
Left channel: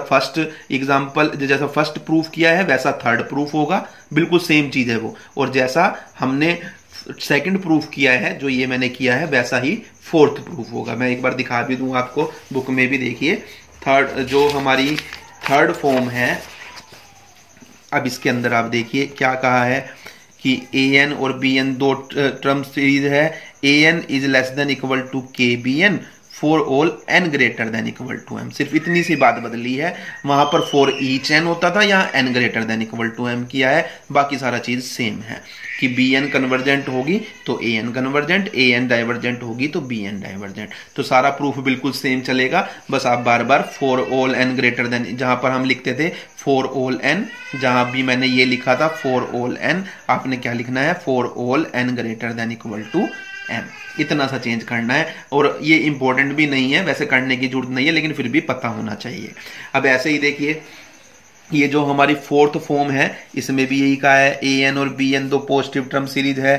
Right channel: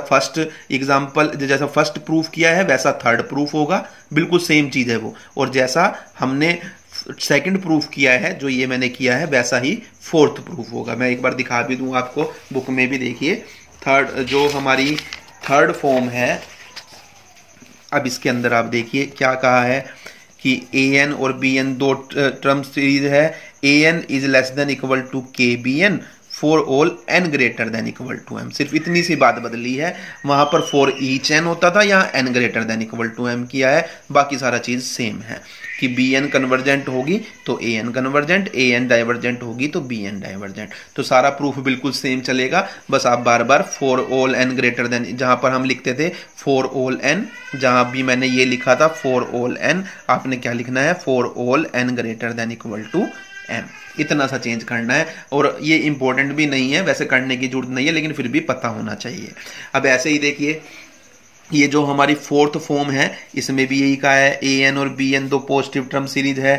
फर्स्ट प्रूफ किया है वैसा थर्ड प्रूफ होगा, बिल्कुल सेम चीज है वो। और जैसा हमने सेकंड प्रूफ किया है, जो ये मैंने किया है, वैसा ही फोर्थ प्रूफ होगा। मैं एक बार दिखा भी दूं आपको, बुक में भी देखिए जो हमारी थर्ड फॉर्म है। अब इसके अंदर आप देखिए क्या कहा है कि ए एन और बी एन दो टर्म सीरीज है। A N is less than equal to K B N for all N greater than equal to M. सिर्फ इतनी सी बात बदली है, वहां पर फॉर ईच एन होता था, यहाँ N greater than equal to M किया है, बाकी सारा चीज सेम है। कि बी एन कन्वर्जेंट होगी तो A N convergent, A N divergent होगी तो बी एन डाइवर्जेंट। तो सारा प्रूफ बिल्कुल सेम चलेगा, बस आप बार बार for all N greater than, जहां पर हम लिखते थे फॉर ऑल एन, जहां भी मैंने ये लिखा था फॉर ऑल एन, आपने क्या लिखना है, for all N greater than equal to M. इतना सा चेंज करना है, और ये इंपॉर्टेंट भी नहीं है, वैसे करने की जरूरत नहीं है, लेकिन फिर भी पता होना चाहिए। अब ऐसे ही देखिए, ये जो हमारी फोर्थ फॉर्म है इसमें भी यही कहा है, ए एन और बी एन दो पॉजिटिव टर्म सीरीज है,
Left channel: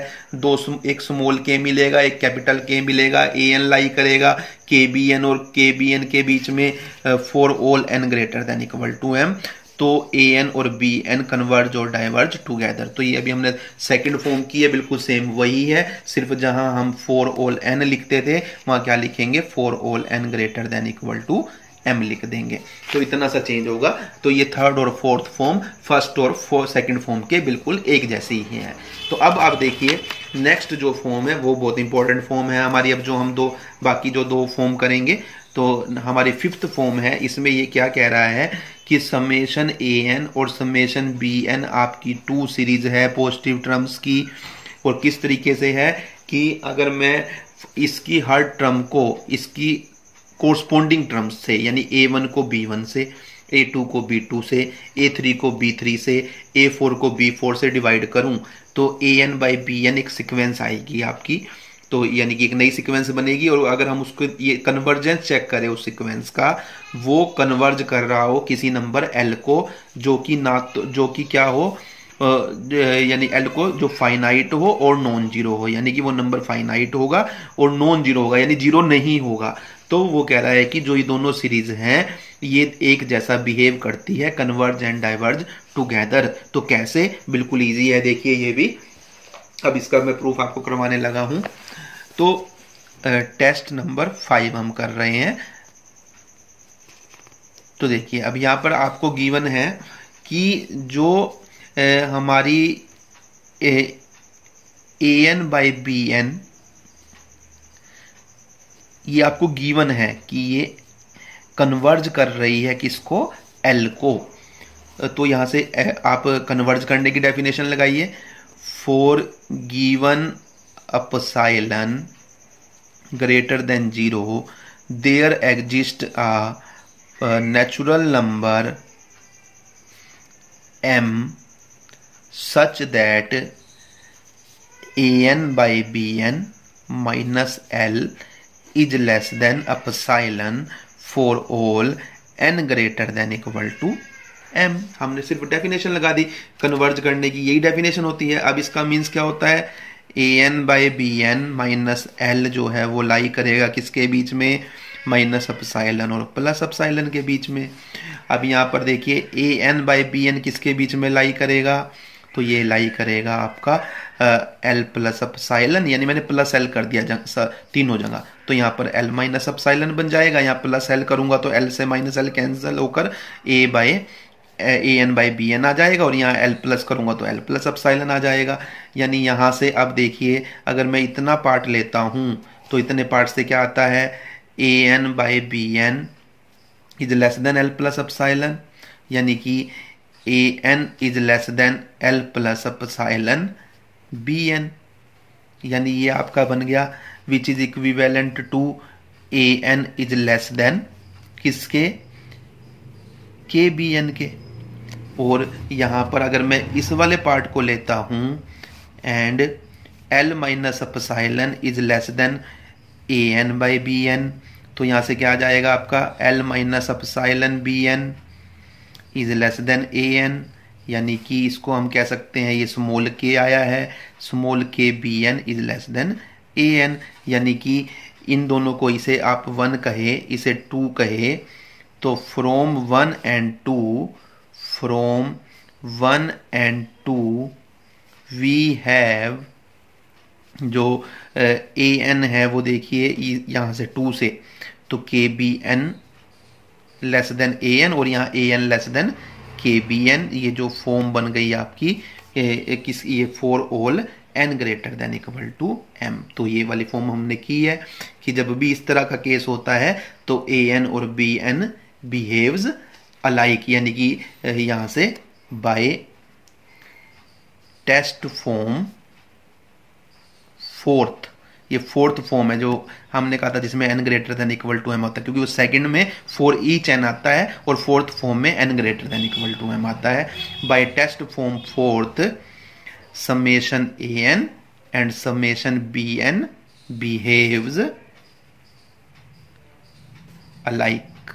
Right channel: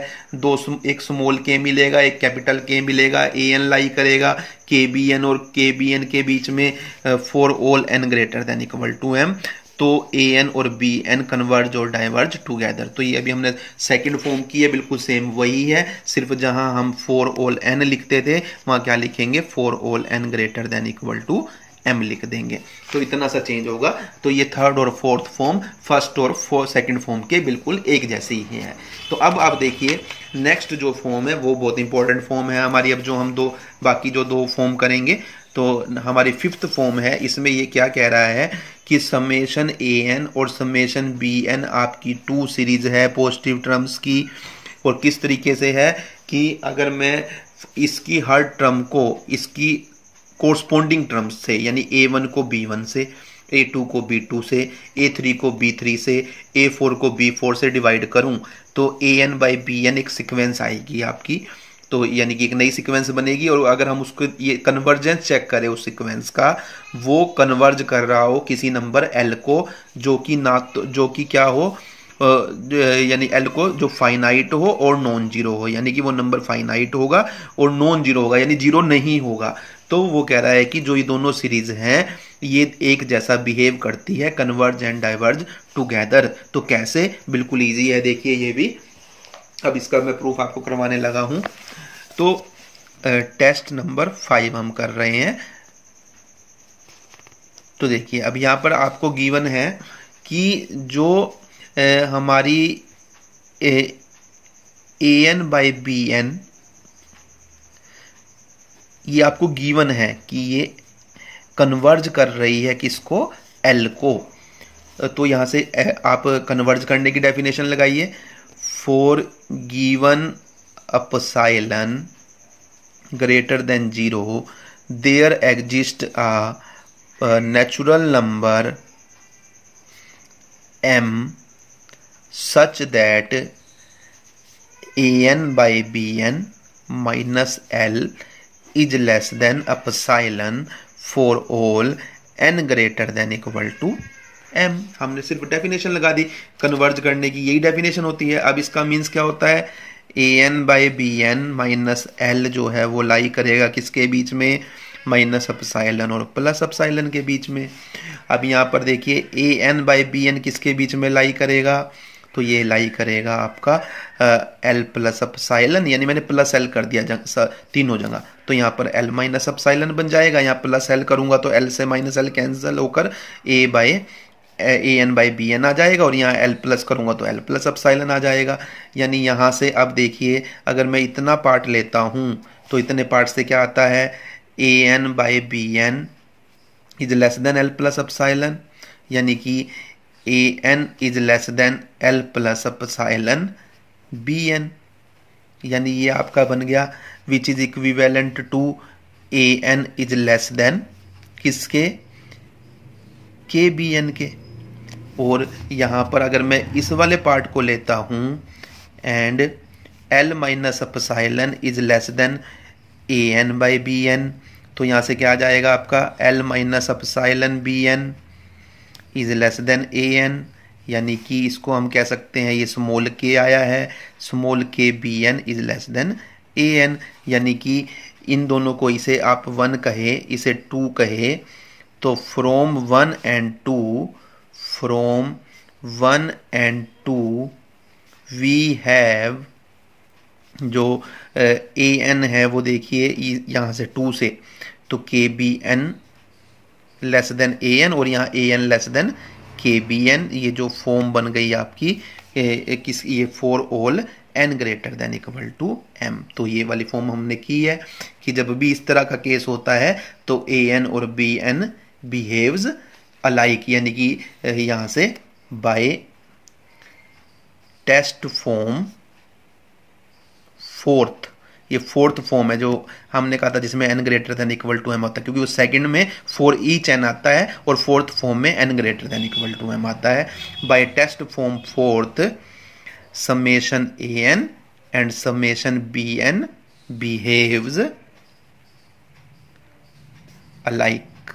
एक स्मॉल के मिलेगा, एक कैपिटल के मिलेगा, ए एन लाई करेगा के बी एन और के बी एन के बीच में for all N greater than equal to M. तो ए एन और बी एन कन्वर्ज और डाइवर्ज टुगेदर। तो ये अभी हमने सेकंड फॉर्म की है, बिल्कुल सेम वही है, सिर्फ जहां हम फॉर ऑल एन लिखते थे वहां क्या लिखेंगे, for all N greater than equal to M लिख देंगे। तो इतना सा चेंज होगा। तो ये थर्ड और फोर्थ फॉर्म फर्स्ट और सेकंड फॉर्म के बिल्कुल एक जैसे ही है। तो अब आप देखिए नेक्स्ट जो फॉर्म है वो बहुत इंपॉर्टेंट फॉर्म है हमारी। अब जो हम बाकी जो दो फॉर्म करेंगे, तो हमारी फिफ्थ फॉर्म है, इसमें ये क्या कह रहा है कि समेशन ए एन और समेशन बी एन आपकी टू सीरीज है पॉजिटिव टर्म्स की। और किस तरीके से है कि अगर मैं इसकी हर टर्म को इसकी कोरस्पोंडिंग टर्म्स से, यानी A1 को B1 से, A2 को B2 से, A3 को B3 से, A4 को B4 से डिवाइड करूं तो AN बाई BN एक सीक्वेंस आएगी आपकी। तो यानी कि एक नई सीक्वेंस बनेगी। और अगर हम उसको ये कन्वर्जेंस चेक करें उस सीक्वेंस का, वो कन्वर्ज कर रहा हो किसी नंबर L को, जो कि क्या हो, यानी L को जो फाइनाइट हो और नॉन जीरो हो, यानी कि वो नंबर फाइनाइट होगा और नॉन जीरो होगा, यानी जीरो नहीं होगा। तो वो कह रहा है कि जो ये दोनों सीरीज हैं ये एक जैसा बिहेव करती है, कन्वर्ज एंड डाइवर्ज टुगेदर। तो कैसे, बिल्कुल इजी है, देखिए ये भी। अब इसका मैं प्रूफ आपको करवाने लगा हूं। तो टेस्ट नंबर 5 हम कर रहे हैं। तो देखिए अब यहां पर आपको गिवन है कि जो हमारी A N by B N, ये आपको गिवन है कि ये कन्वर्ज कर रही है किसको, एल को। तो यहां से आप कन्वर्ज करने की डेफिनेशन लगाइए, for given epsilon greater than zero there exist a natural number m such that an by bn minus l is less than epsilon for all n greater than equal to m। हमने सिर्फ definition लगा दी, converge करने की यही definition होती है। अब इसका मीन्स क्या होता है, an by B N minus L जो है वो लाई करेगा किसके बीच में, माइनस अपसाइलन और प्लस अपसाइलन के बीच में। अब यहाँ पर देखिए A N by B N किसके बीच में लाई करेगा, तो ये लाई करेगा आपका एल प्लस अपसाइलन, यानी मैंने प्लस एल कर दिया तीनों जगह, तो यहाँ पर एल माइनस अपसाइलन बन जाएगा। यहाँ प्लस एल करूंगा तो एल से माइनस एल कैंसिल होकर A N by B n आ जाएगा, और यहाँ एल प्लस करूंगा तो एल प्लस अपसाइलन आ जाएगा। यानी यहाँ से अब देखिए अगर मैं इतना पार्ट लेता हूं तो इतने पार्ट से क्या आता है, A N by B N is less than L plus epsilon, यानी कि A N is less than L plus epsilon B N, यानी ये आपका बन गया which is equivalent to A N is less than किसके, के बी एन के। और यहां पर अगर मैं इस वाले पार्ट को लेता हूं and L minus epsilon is less than A N by B N, तो यहां से क्या आ जाएगा आपका L minus epsilon B N is less than A N, यानी कि इसको हम कह सकते हैं ये स्मॉल के आया है, small K B N is less than A N, यानी कि इन दोनों को इसे आप 1 कहे इसे 2 कहे, तो फ्रॉम 1 and 2 वी हैव जो ए एन है वो देखिए यहां से 2 से, तो K B N less than A N और यहां ए एन लेस देन के बी एन, ये जो फॉर्म बन गई आपकी ये for all N greater than equal to M. तो ये वाली फॉर्म हमने की है कि जब भी इस तरह का केस होता है तो ए एन और बी एन बिहेव्स अलाइक, यानी कि यहां से बाय टेस्ट फॉर्म फोर्थ, ये फोर्थ फॉर्म है जो हमने कहा था जिसमें N greater than equal to M होता है, क्योंकि वो सेकंड में फॉर ईच एन आता है और फोर्थ फॉर्म में N greater than equal to M आता है। By test form fourth summation an and summation bn behaves alike,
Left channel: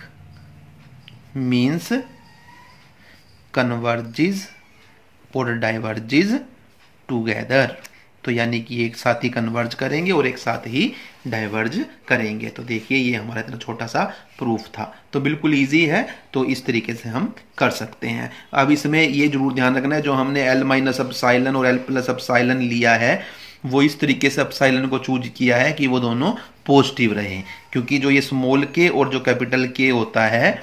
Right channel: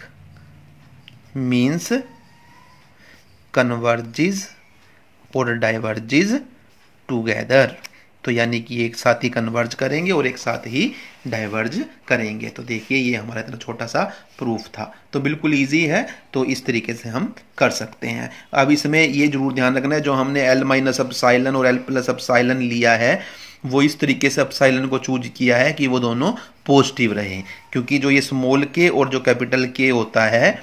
means converges और diverges together, तो यानी कि एक साथ ही कन्वर्ज करेंगे और एक साथ ही डाइवर्ज करेंगे। तो देखिए ये हमारा इतना छोटा सा प्रूफ था, तो बिल्कुल इजी है, तो इस तरीके से हम कर सकते हैं। अब इसमें ये जरूर ध्यान रखना है जो हमने एल माइनस एप्सिलॉन और एल प्लस एप्सिलॉन लिया है वो इस तरीके से एप्सिलॉन को चूज किया है कि वो दोनों पॉजिटिव रहे, क्योंकि जो ये स्मॉल के और जो कैपिटल के होता है,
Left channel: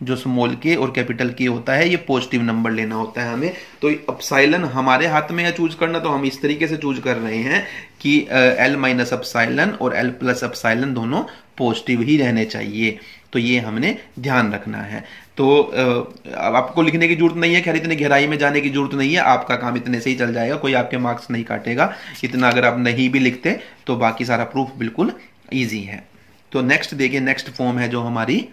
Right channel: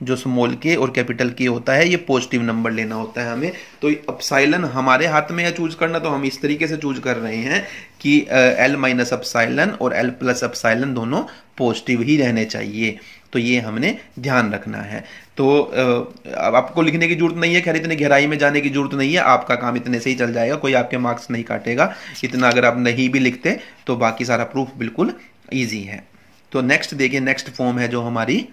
जो स्मॉल के और कैपिटल के होता है ये पॉजिटिव नंबर लेना होता है हमें। तो एप्सिलॉन हमारे हाथ में है चूज करना, तो हम इस तरीके से चूज कर रहे हैं कि एल माइनस एप्सिलॉन और एल प्लस एप्सिलॉन दोनों पॉजिटिव ही रहने चाहिए, तो ये हमने ध्यान रखना है। तो अब आपको लिखने की जरूरत नहीं है, खैर इतनी गहराई में जाने की जरूरत नहीं है, आपका काम इतने से ही चल जाएगा, कोई आपके मार्क्स नहीं काटेगा इतना अगर आप नहीं भी लिखते, तो बाकी सारा प्रूफ बिल्कुल ईजी है। तो नेक्स्ट देखिए, नेक्स्ट फॉर्म है जो हमारी,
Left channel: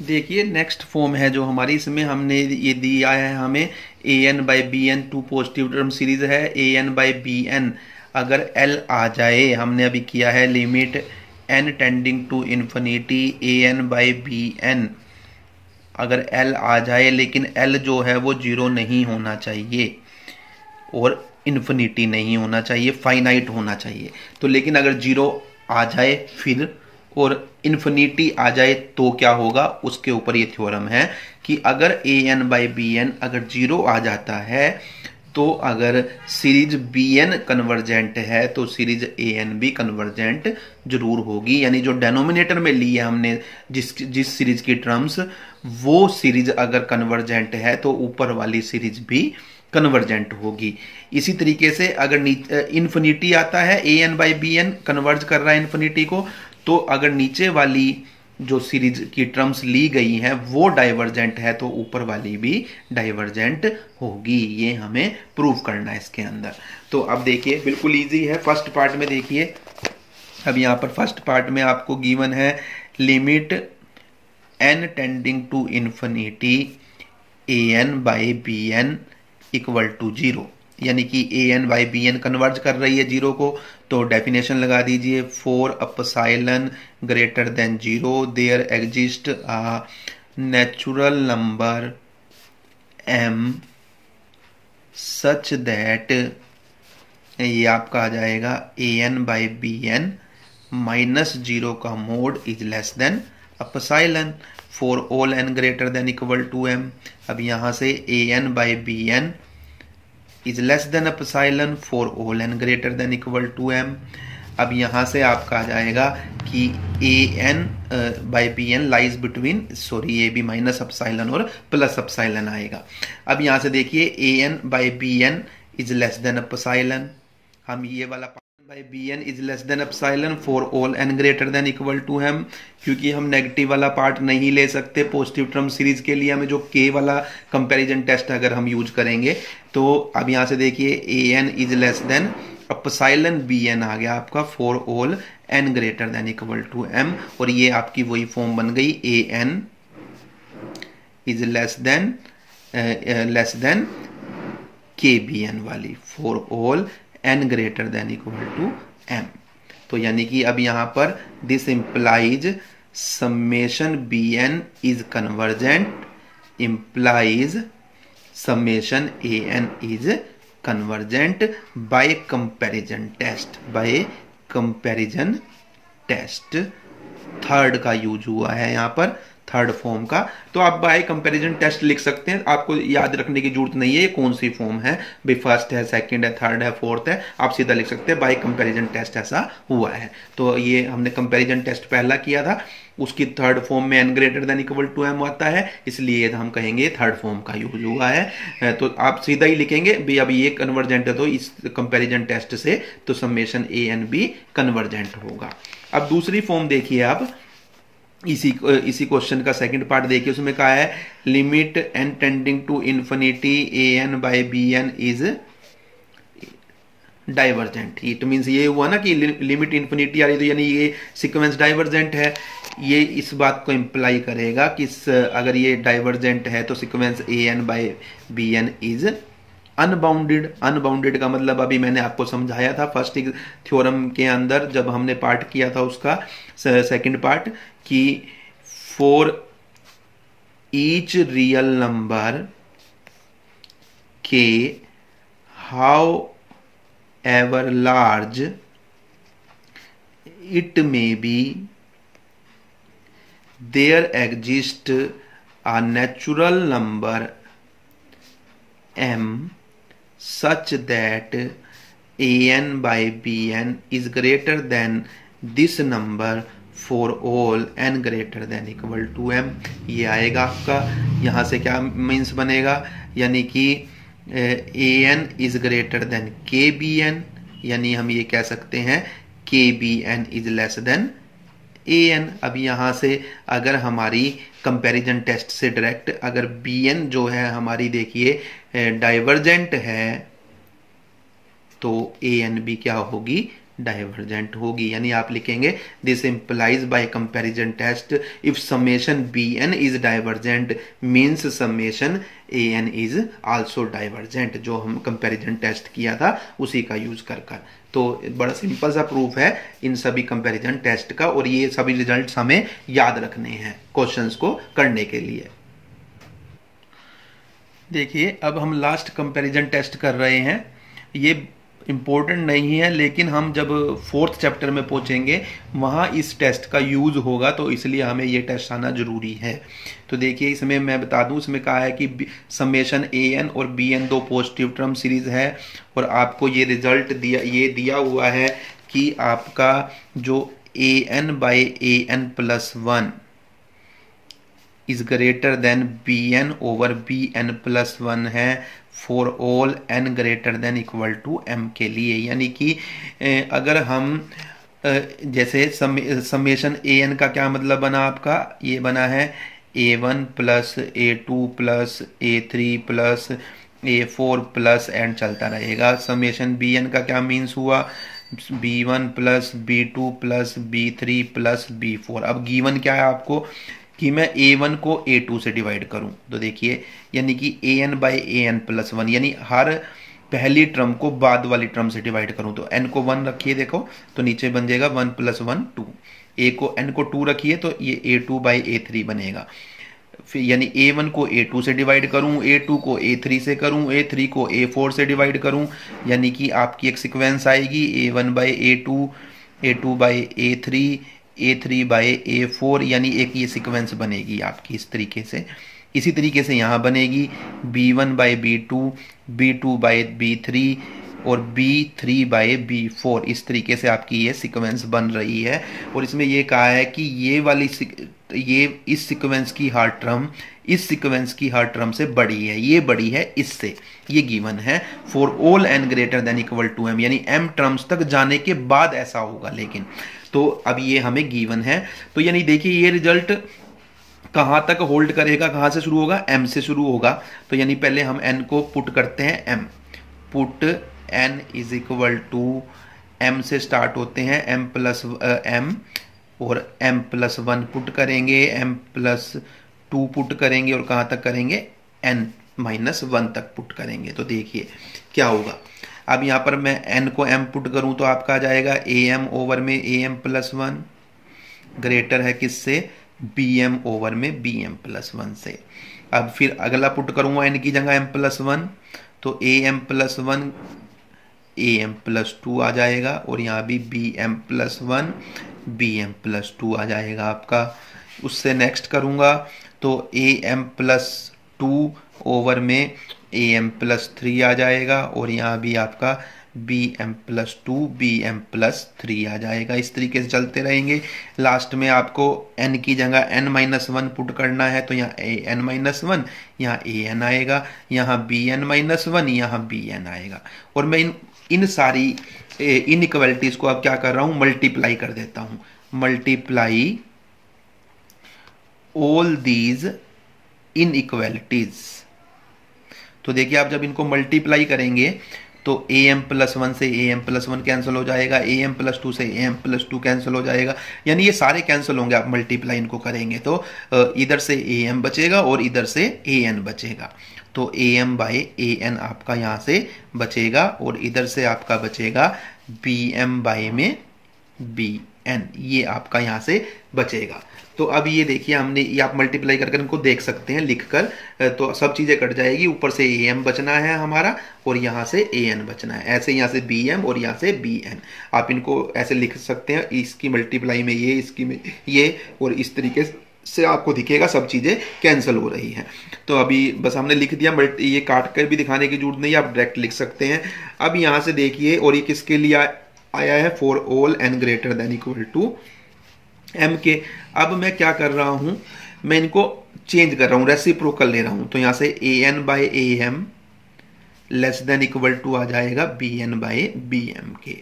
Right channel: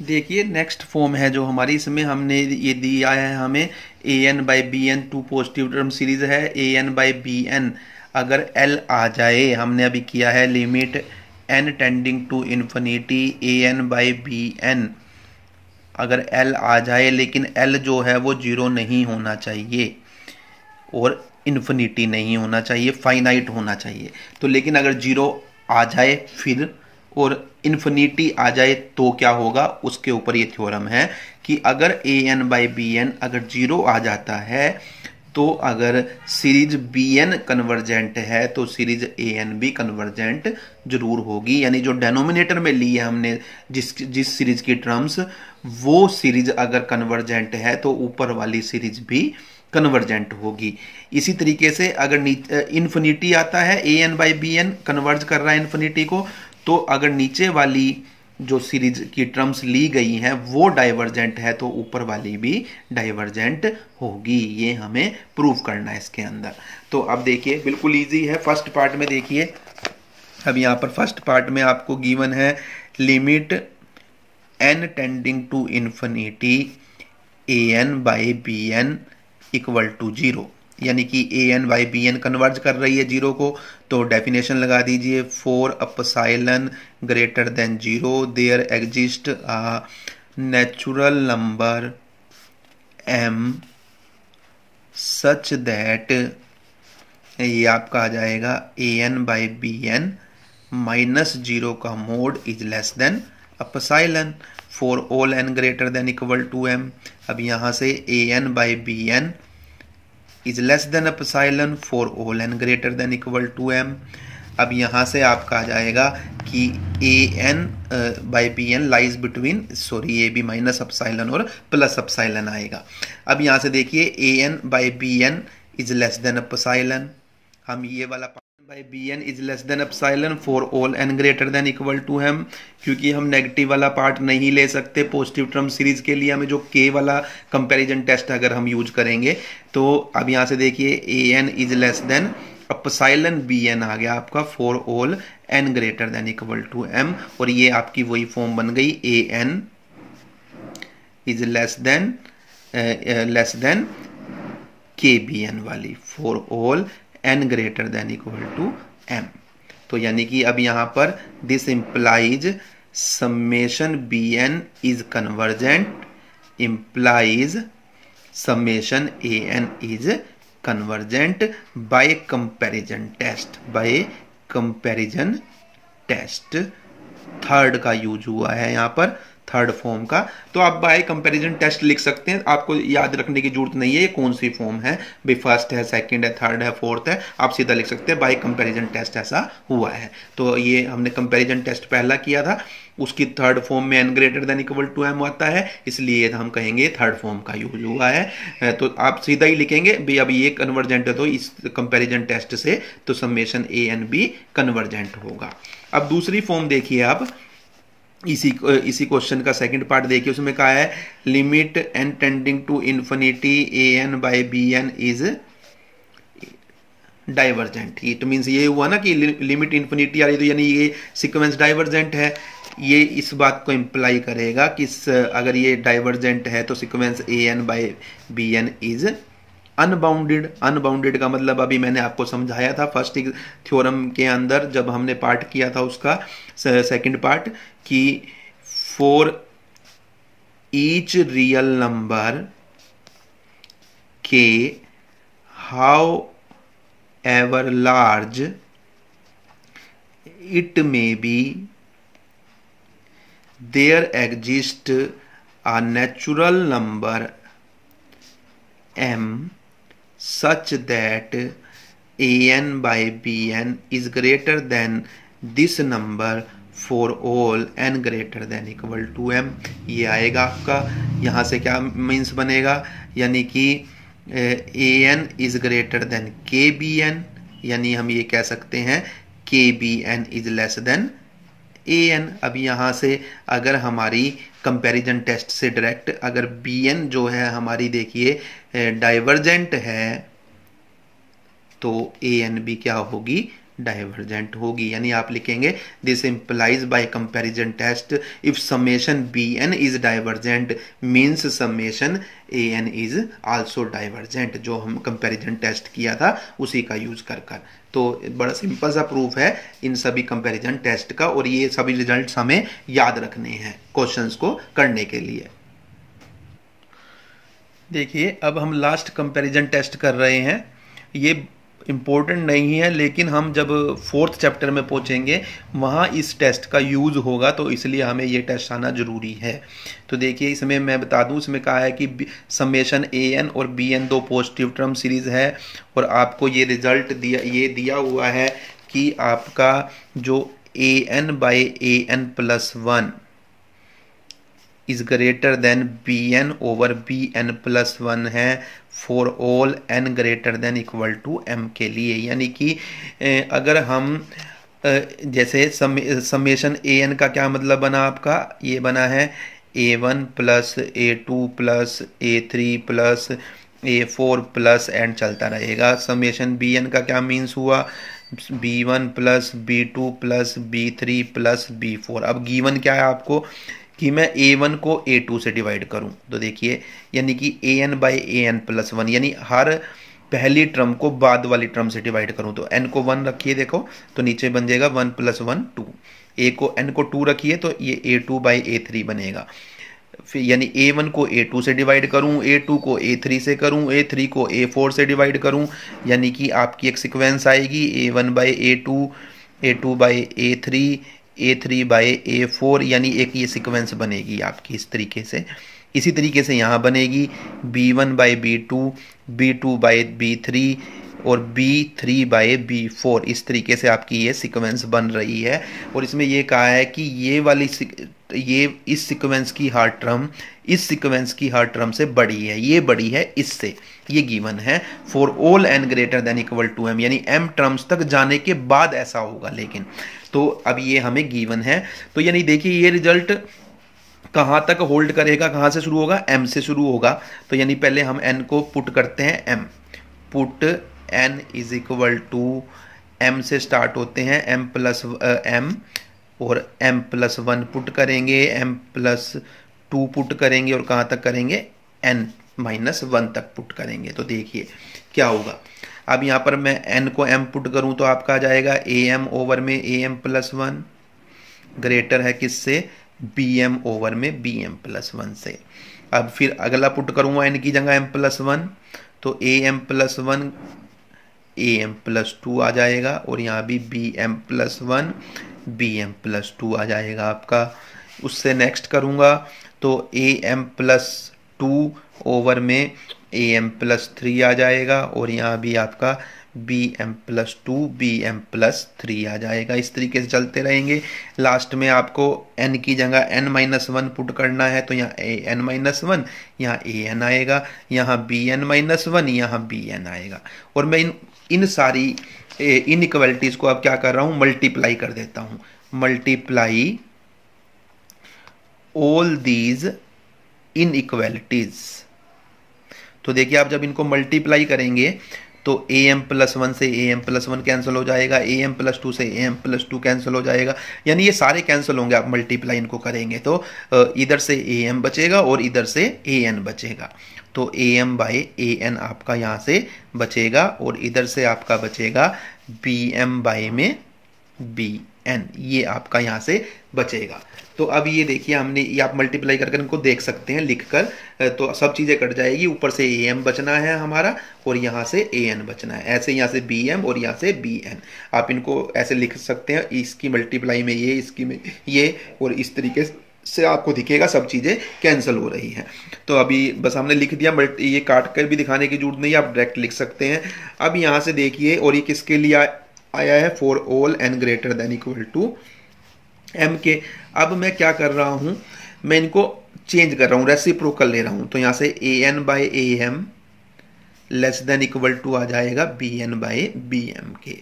देखिए नेक्स्ट फॉर्म है जो हमारी, इसमें हमने ये दिया है हमें A N by B N, 2 positive term series है, A N by B N अगर एल आ जाए, हमने अभी किया है limit N tending to infinity A N by B N, अगर एल आ जाए लेकिन एल जो है वो 0 नहीं होना चाहिए और इन्फिनिटी नहीं होना चाहिए, फाइनाइट होना चाहिए। तो लेकिन अगर 0 आ जाए फिर और इन्फिनिटी आ जाए तो क्या होगा, उसके ऊपर ये थ्योरम है कि अगर A N by B N अगर 0 आ जाता है तो अगर सीरीज बी एन कन्वर्जेंट है तो सीरीज ए एन भी कन्वर्जेंट जरूर होगी, यानी जो डेनोमिनेटर में ली है हमने जिस सीरीज की टर्म्स, वो सीरीज अगर कन्वर्जेंट है तो ऊपर वाली सीरीज भी कन्वर्जेंट होगी। इसी तरीके से अगर इन्फिनिटी आता है, A N by B N converge कर रहा है इन्फिनिटी को, तो अगर नीचे वाली जो सीरीज की टर्म्स ली गई हैं वो डाइवर्जेंट है तो ऊपर वाली भी डाइवर्जेंट होगी, ये हमें प्रूव करना है इसके अंदर। तो अब देखिए बिल्कुल इजी है, फर्स्ट पार्ट में देखिए, अब यहां पर फर्स्ट पार्ट में आपको गिवन है limit N tending to infinity A N by B N equal to 0, यानी कि A N by B N converge कर रही है 0 को, तो डेफिनेशन लगा दीजिए for epsilon greater than 0 there exist a natural number m such that, ये आपका आ जाएगा A N by B N minus 0 का mod is less than epsilon for all n greater than equal to m। अब यहां से A N by B N is less than epsilon for all n greater than equal to m। अब यहां से आपका आ जाएगा कि A N by B N lies between, sorry A B minus epsilon और प्लस एप्सिलॉन आएगा। अब यहां से देखिए A N by B N is less than epsilon, हम ये वाला by B N is less than epsilon for all N greater than equal to M, क्योंकि हम नेगेटिव वाला पार्ट नहीं ले सकते पॉजिटिव टर्म सीरीज के लिए, हमें जो के वाला कंपैरिजन टेस्ट अगर हम यूज करेंगे तो अब यहां से देखिए A N is less than epsilon B n आ गया आपका for all N greater than equal to m, और ये आपकी वही फॉर्म बन गई a N is less than के बी एन वाली for all N greater than equal to M. तो यानी कि अब यहां पर this implies summation B N is convergent, implies summation A N is convergent by comparison test, third का use हुआ है यहां पर, थर्ड फॉर्म का। तो आप बाय कंपैरिजन टेस्ट लिख सकते हैं, आपको याद रखने की जरूरत नहीं है ये कौन सी फॉर्म है, भाई फर्स्ट है, सेकंड है, थर्ड है, फोर्थ है, आप सीधा लिख सकते हैं बाय कंपैरिजन टेस्ट ऐसा हुआ है। तो ये हमने कंपैरिजन टेस्ट पहला किया था, उसकी थर्ड फॉर्म में N greater than equal to M आता है, इसलिए हम कहेंगे थर्ड फॉर्म का यूज हुआ है। तो आप सीधा ही लिखेंगे भाई अब ये कन्वर्जेंट है तो इस कंपैरिजन टेस्ट से तो summation A N B convergent होगा। अब दूसरी फॉर्म देखिए आप, इसी क्वेश्चन का सेकंड पार्ट देखिए, उसमें कहा है limit N tending to infinity A N by B N is divergent. It means ये हुआ ना कि लिमिट इन्फिनिटी आ रही तो यानी ये सीक्वेंस डाइवर्जेंट है, ये इस बात को इंप्लाई करेगा कि अगर ये डाइवर्जेंट है तो sequence A N by B N is unbounded. Unbounded का मतलब अभी मैंने आपको समझाया था फर्स्ट थ्योरम के अंदर जब हमने पार्ट किया था उसका सेकंड पार्ट, कि for each real number K however large it may be there exist a natural number m such that an by bn is greater than this number for all n greater than equal to m। ये आएगा आपका, यहां से क्या means बनेगा, यानी कि an is greater than kbn, यानी हम ये कह सकते हैं kbn is less than an। अब यहां से अगर हमारी कंपैरिजन टेस्ट से डायरेक्ट अगर bn जो है हमारी देखिए डाइवर्जेंट है तो an भी क्या होगी, डाइवर्जेंट होगी। यानी आप लिखेंगे this implies by comparison test if summation bn is divergent means summation an is also divergent, जो हम कंपैरिजन टेस्ट किया था उसी का यूज कर। तो बड़ा सिंपल सा प्रूफ है इन सभी कंपैरिजन टेस्ट का, और ये सभी रिजल्ट्स हमें याद रखने हैं क्वेश्चंस को करने के लिए। देखिए अब हम लास्ट कंपैरिजन टेस्ट कर रहे हैं, ये इंपॉर्टेंट नहीं है लेकिन हम जब फोर्थ चैप्टर में पहुंचेंगे वहां इस टेस्ट का यूज होगा, तो इसलिए हमें ये टेस्ट आना जरूरी है। तो देखिए इसमें मैं बता दूं, इसमें कहा है कि समेशन ए एन और बी एन दो पॉजिटिव टर्म सीरीज है, और आपको ये रिजल्ट दिया हुआ है कि आपका जो a N by a n plus one is greater than b n over b n plus one है for all N greater than equal to M के लिए। यानी कि अगर हम जैसे समेशन ए एन का क्या मतलब बना आपका, ये बना है a1 plus a2 plus a3 plus a4 plus and चलता रहेगा। समेशन बी एन का क्या मीन्स हुआ, b1 plus b2 plus b3 plus b4। अब गिवन क्या है आपको कि मैं a1 को a2 से डिवाइड करूं, तो देखिए यानी कि an by an plus one, यानी हर पहली टर्म को बाद वाली टर्म से डिवाइड करूं, तो n को 1 रखिए देखो तो नीचे बन जाएगा 1 प्लस 1 2, n को 2 रखिए तो ये a2 बाई a3 बनेगा। फिर यानी a1 को a2 से डिवाइड करूं, a2 को a3 से करूं, a3 को a4 से डिवाइड करूं, यानी कि आपकी एक सीक्वेंस आएगी a1 by a2, a2 by a3, a3 by a4, यानी एक ये सीक्वेंस बनेगी आपकी इस तरीके से। इसी तरीके से यहाँ बनेगी b1 by b2, b2 by b3, और B3/B4, इस तरीके से आपकी ये सीक्वेंस बन रही है। और इसमें ये कहा है कि ये इस सीक्वेंस की हर टर्म इस सीक्वेंस की हर टर्म से बड़ी है, ये बड़ी है इससे, ये गिवन है for all n greater than equal to m, यानी m टर्म्स तक जाने के बाद ऐसा होगा। लेकिन तो अब ये हमें गिवन है, तो यानी देखिए ये रिजल्ट कहां तक होल्ड करेगा, कहां से शुरू होगा, m से शुरू होगा। तो यानी पहले हम n को पुट करते हैं, m put n is equal to m से स्टार्ट होते हैं, m प्लस m और m+1 पुट करेंगे, m+2 पुट करेंगे और कहां तक करेंगे, n-1 तक पुट करेंगे। तो देखिए क्या होगा, अब यहां पर मैं n को m पुट करूं तो आपका आ जाएगा am ओवर में am+1 ग्रेटर है किससे, bm ओवर में bm+1 से। अब फिर अगला पुट करूंगा n की जगह m+1, तो am+1 am+2 आ जाएगा और यहाँ भी bm+1 bm+2 आ जाएगा आपका। उससे नेक्स्ट करूंगा तो am+2 ओवर में am+3 आ जाएगा और यहाँ भी आपका bm+2 bm+3 आ जाएगा। इस तरीके से चलते रहेंगे। लास्ट में आपको n की जगह n-1 पुट करना है, तो यहाँ an-1, यहाँ an आएगा, यहाँ bn-1, यहाँ bn आएगा। और मैं इन सारी इनइक्वालिटीज को अब क्या कर रहा हूं, मल्टीप्लाई कर देता हूं, मल्टीप्लाई ऑल दीज इनइक्वालिटीज। तो देखिए आप जब इनको मल्टीप्लाई करेंगे तो am+1 से am+1 कैंसिल हो जाएगा, am+2 से am+2 कैंसिल हो जाएगा, यानी ये सारे कैंसिल होंगे। आप मल्टीप्लाई इनको करेंगे तो इधर से am बचेगा और इधर से an बचेगा, तो am/an आपका यहां से बचेगा और इधर से आपका बचेगा bm/में bn, ये आपका यहां से बचेगा। तो अब ये देखिए हमने, ये आप मल्टीप्लाई करके इनको देख सकते हैं लिखकर, तो सब चीजें कट जाएगी, ऊपर से am बचना है हमारा और यहां से an बचना है, ऐसे यहां से bm और यहां से bn। आप इनको ऐसे लिख सकते हैं, इसकी मल्टीप्लाई में ये, इसकी में ये, और इस तरीके से आपको दिखेगा सब चीजें कैंसिल हो रही हैं। तो अभी बस हमने लिख दिया, ये काट कर भी दिखाने की जरूरत नहीं है, आप डायरेक्ट लिख सकते हैं। अब यहां से देखिए, और ये किसके लिए आया है, for all n greater than equal to m के। अब मैं क्या कर रहा हूं, मैं इनको चेंज कर रहा हूं, रेसिप्रोकल ले रहा हूं, तो यहां से an/am less than equal to आ जाएगा bn/bm के,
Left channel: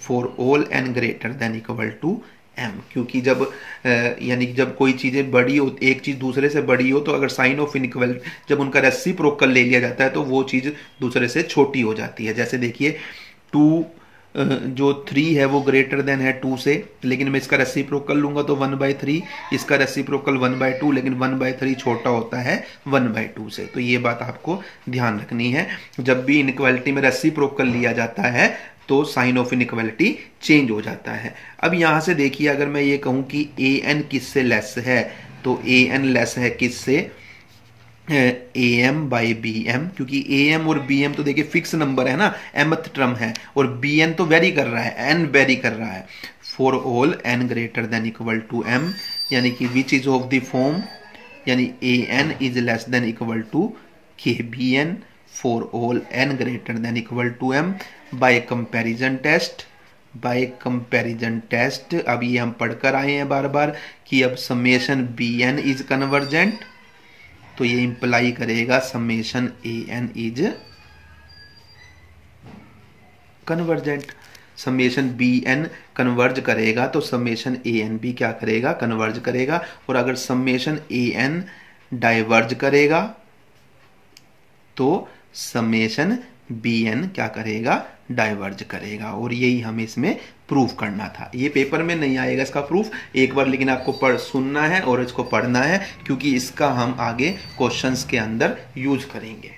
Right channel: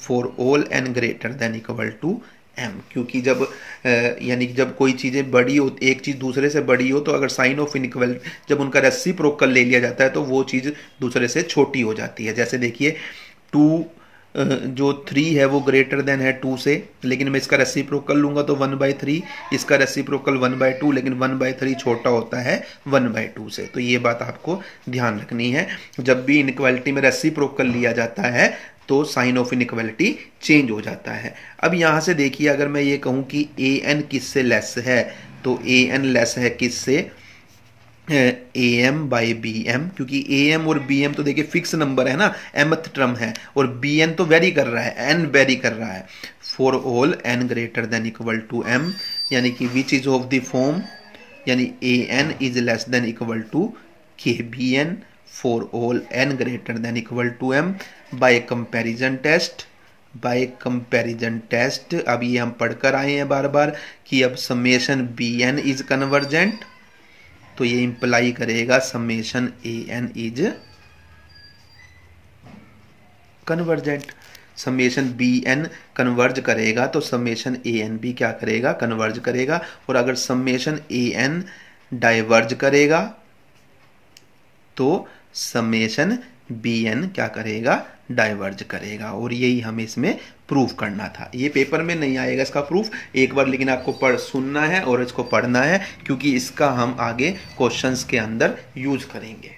for all n greater than equal to m। क्योंकि जब यानी जब कोई चीजें बड़ी हो, एक चीज दूसरे से बड़ी हो, तो अगर साइन ऑफ इनइक्वालिटी जब उनका रेसिप्रोकल ले लिया जाता है तो वो चीज दूसरे से छोटी हो जाती है। जैसे देखिए 2 जो 3 है वो ग्रेटर देन है 2 से, लेकिन मैं इसका रेसिप्रोकल लूंगा तो 1/3, इसका रेसिप्रोकल 1/2, लेकिन 1/3 छोटा होता है 1/2 से। तो ये बात आपको ध्यान रखनी है, जब भी इनइक्वालिटी में रेसिप्रोकल लिया जाता है तो साइन ऑफ इनइक्वालिटी चेंज हो जाता है। अब यहां से देखिए, अगर मैं ये कहूं कि an किससे लेस है, तो an लेस है किससे, am/bm, क्योंकि am और bm तो देखिए फिक्स नंबर है ना, mth टर्म है, और bn तो वेरी कर रहा है, n वेरी कर रहा है। For all n greater than equal to m, यानी कि which is of the form, यानी an is less than equal to kbn for all n greater than equal to m by comparison test. By comparison test अब ये हम पढ़कर आए हैं बार बार कि अब समेशन bn इज कन्वर्जेंट, तो ये इंप्लाई करेगा summation an is convergent. Summation bn converge करेगा तो समेशन an भी क्या करेगा, कन्वर्ज करेगा। और अगर समेशन an डाइवर्ज करेगा तो समेशन bn क्या करेगा, डाइवर्ज करेगा। और यही हमें इसमें प्रूफ करना था। ये पेपर में नहीं आएगा इसका प्रूफ, एक बार लेकिन आपको सुनना है और इसको पढ़ना है, क्योंकि इसका हम आगे क्वेश्चंस के अंदर यूज करेंगे।